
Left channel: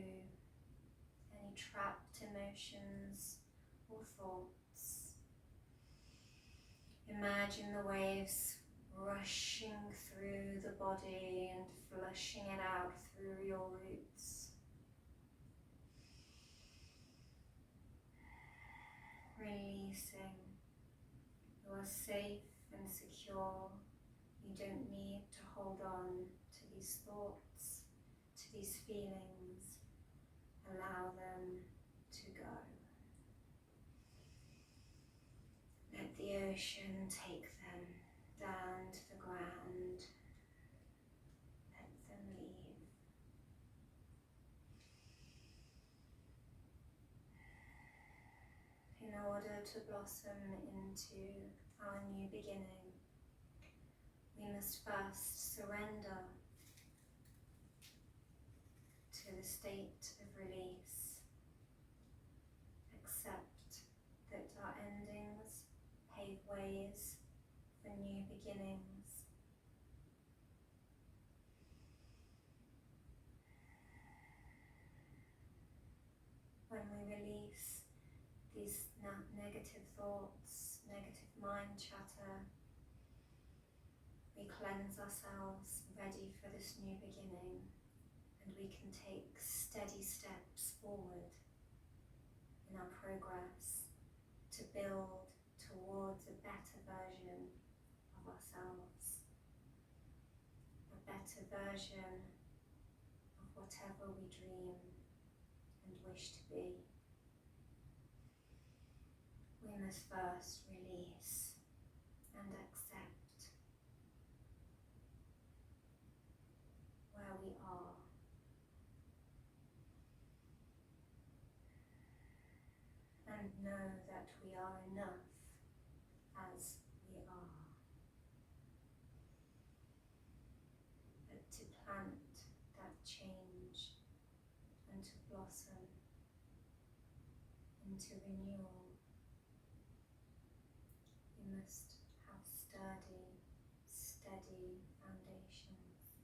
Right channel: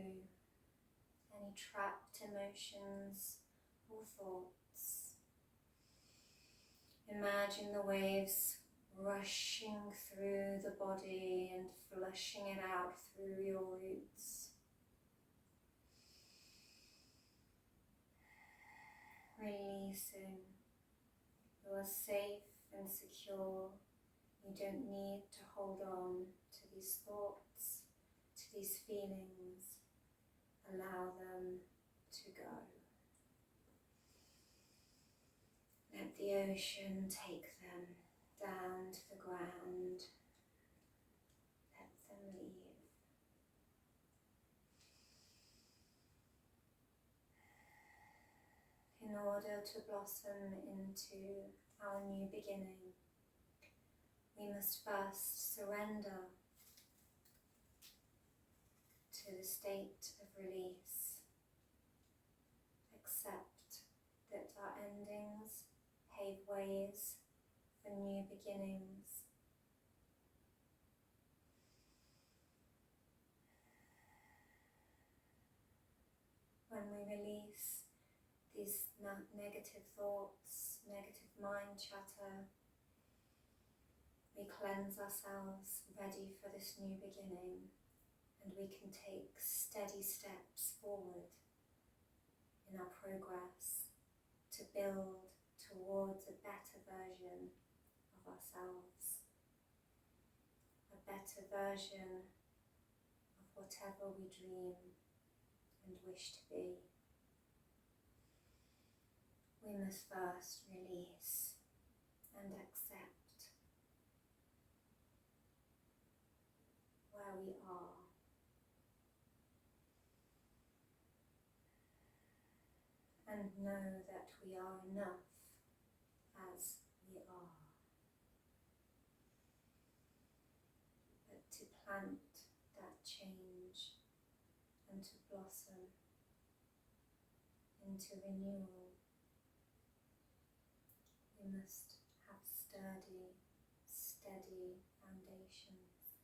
any trapped emotions or thoughts. Imagine the waves rushing through the body and flushing it out through your roots. Releasing. You are safe and secure. You don't need to hold on to these thoughts, to these feelings. Allow them to go. Let the ocean take them down to the ground. Let them leave. In order to blossom into our new beginning, we must first surrender to the state of release. Accept that our endings pave ways for new beginnings. When we release these negative thoughts, negative mind chatter, we cleanse ourselves, ready for this new beginning, and we can take steady steps forward in our progress to build towards a better version of ourselves, a better version of whatever we dream and wish to be. We must first release and accept where we are. And know that we are enough as we are. But to plant that change and to blossom into renewal, we must have sturdy, steady foundations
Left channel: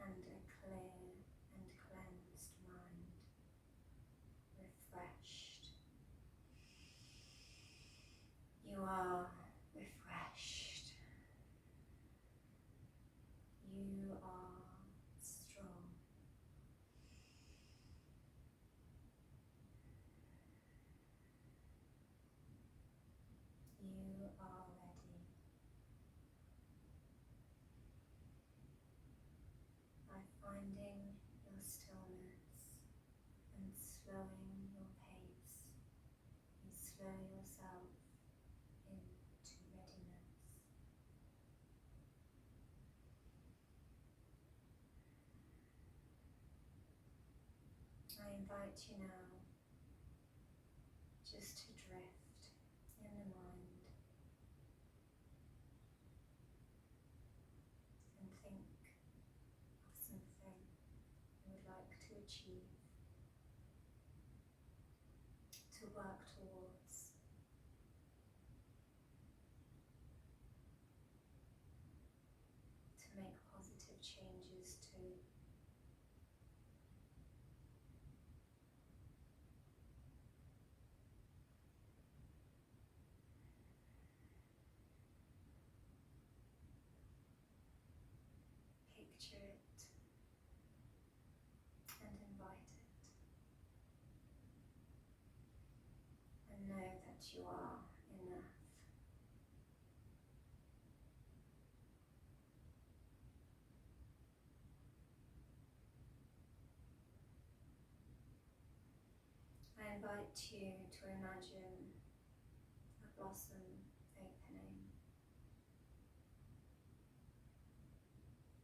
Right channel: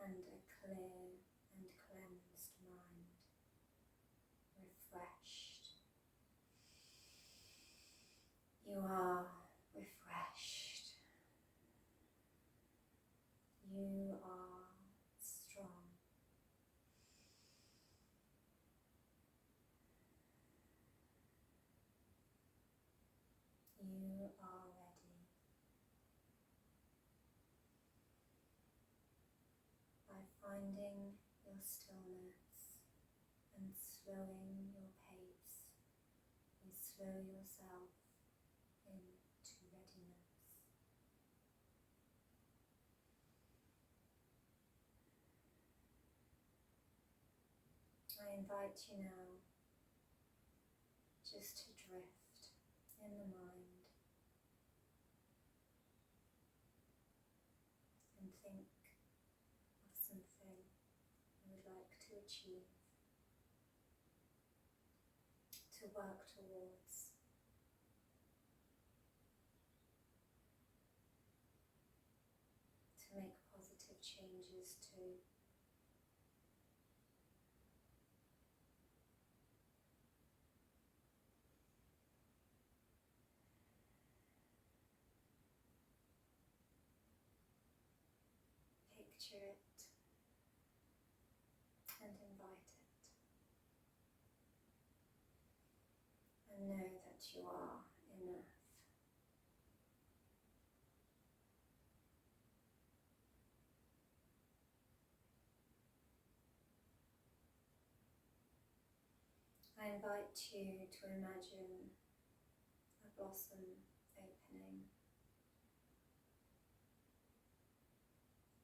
and a clear and cleansed mind, refreshed. You are refreshed. You are strong. You are ready. By finding your stillness and slowing your pace, you slow yourself into readiness. I invite you now just to drift in the mind and think of something you would like to achieve, to work towards. To make positive changes to. Picture it and invite it. And know that you are enough. invite you to imagine a blossom opening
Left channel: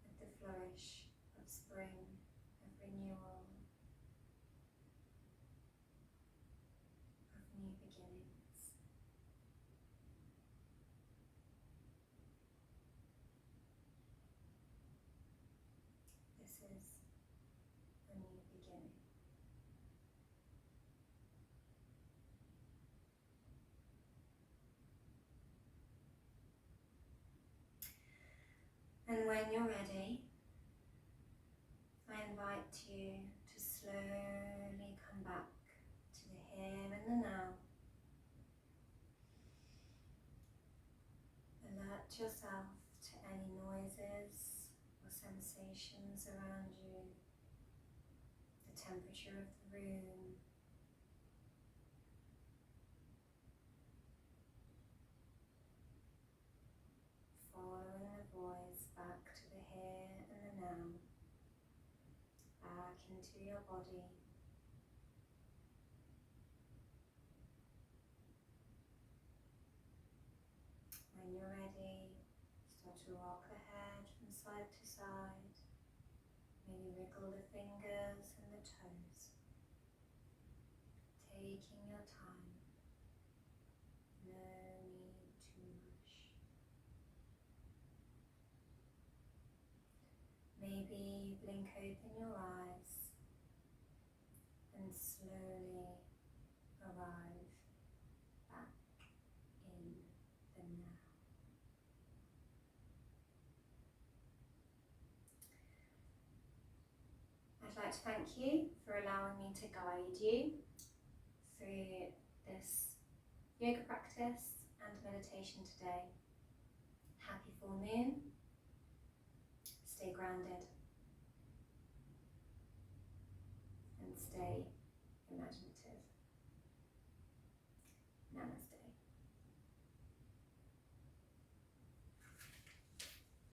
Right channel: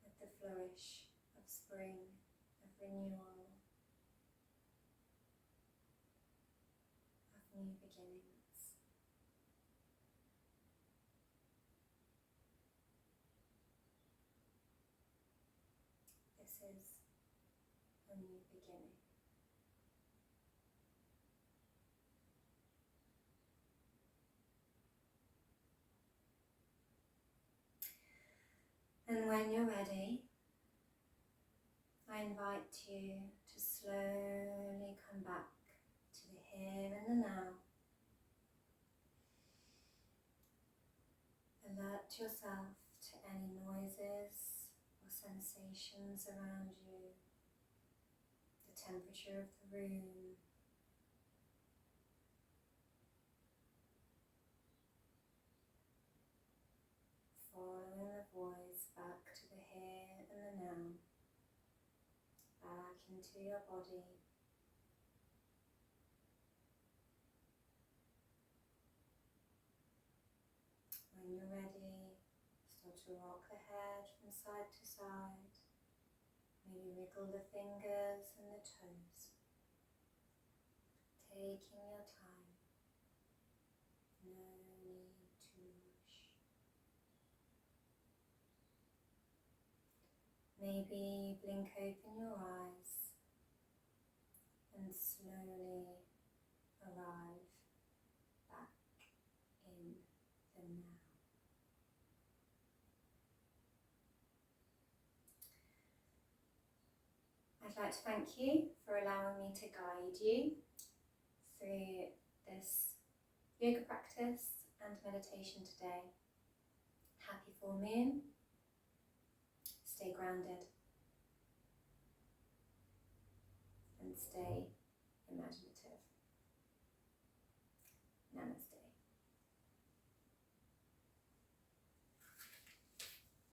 with the flourish of spring, of renewal, of new beginnings. This is a new beginning. And when you're ready, I invite you to slowly come back to the here and the now. Alert yourself to any noises or sensations around you, the temperature of the room, following the voice back to the here and the now, back into your body. When you're ready, start to rock the head from side to side. Maybe wriggle the fingers and the toes. Taking your time. No need to rush. Maybe blink open your eyes and slowly arrive back in the now. I'd like to thank you for allowing me to guide you through this yoga practice and meditation today. Happy full moon. Stay grounded and stay imaginative.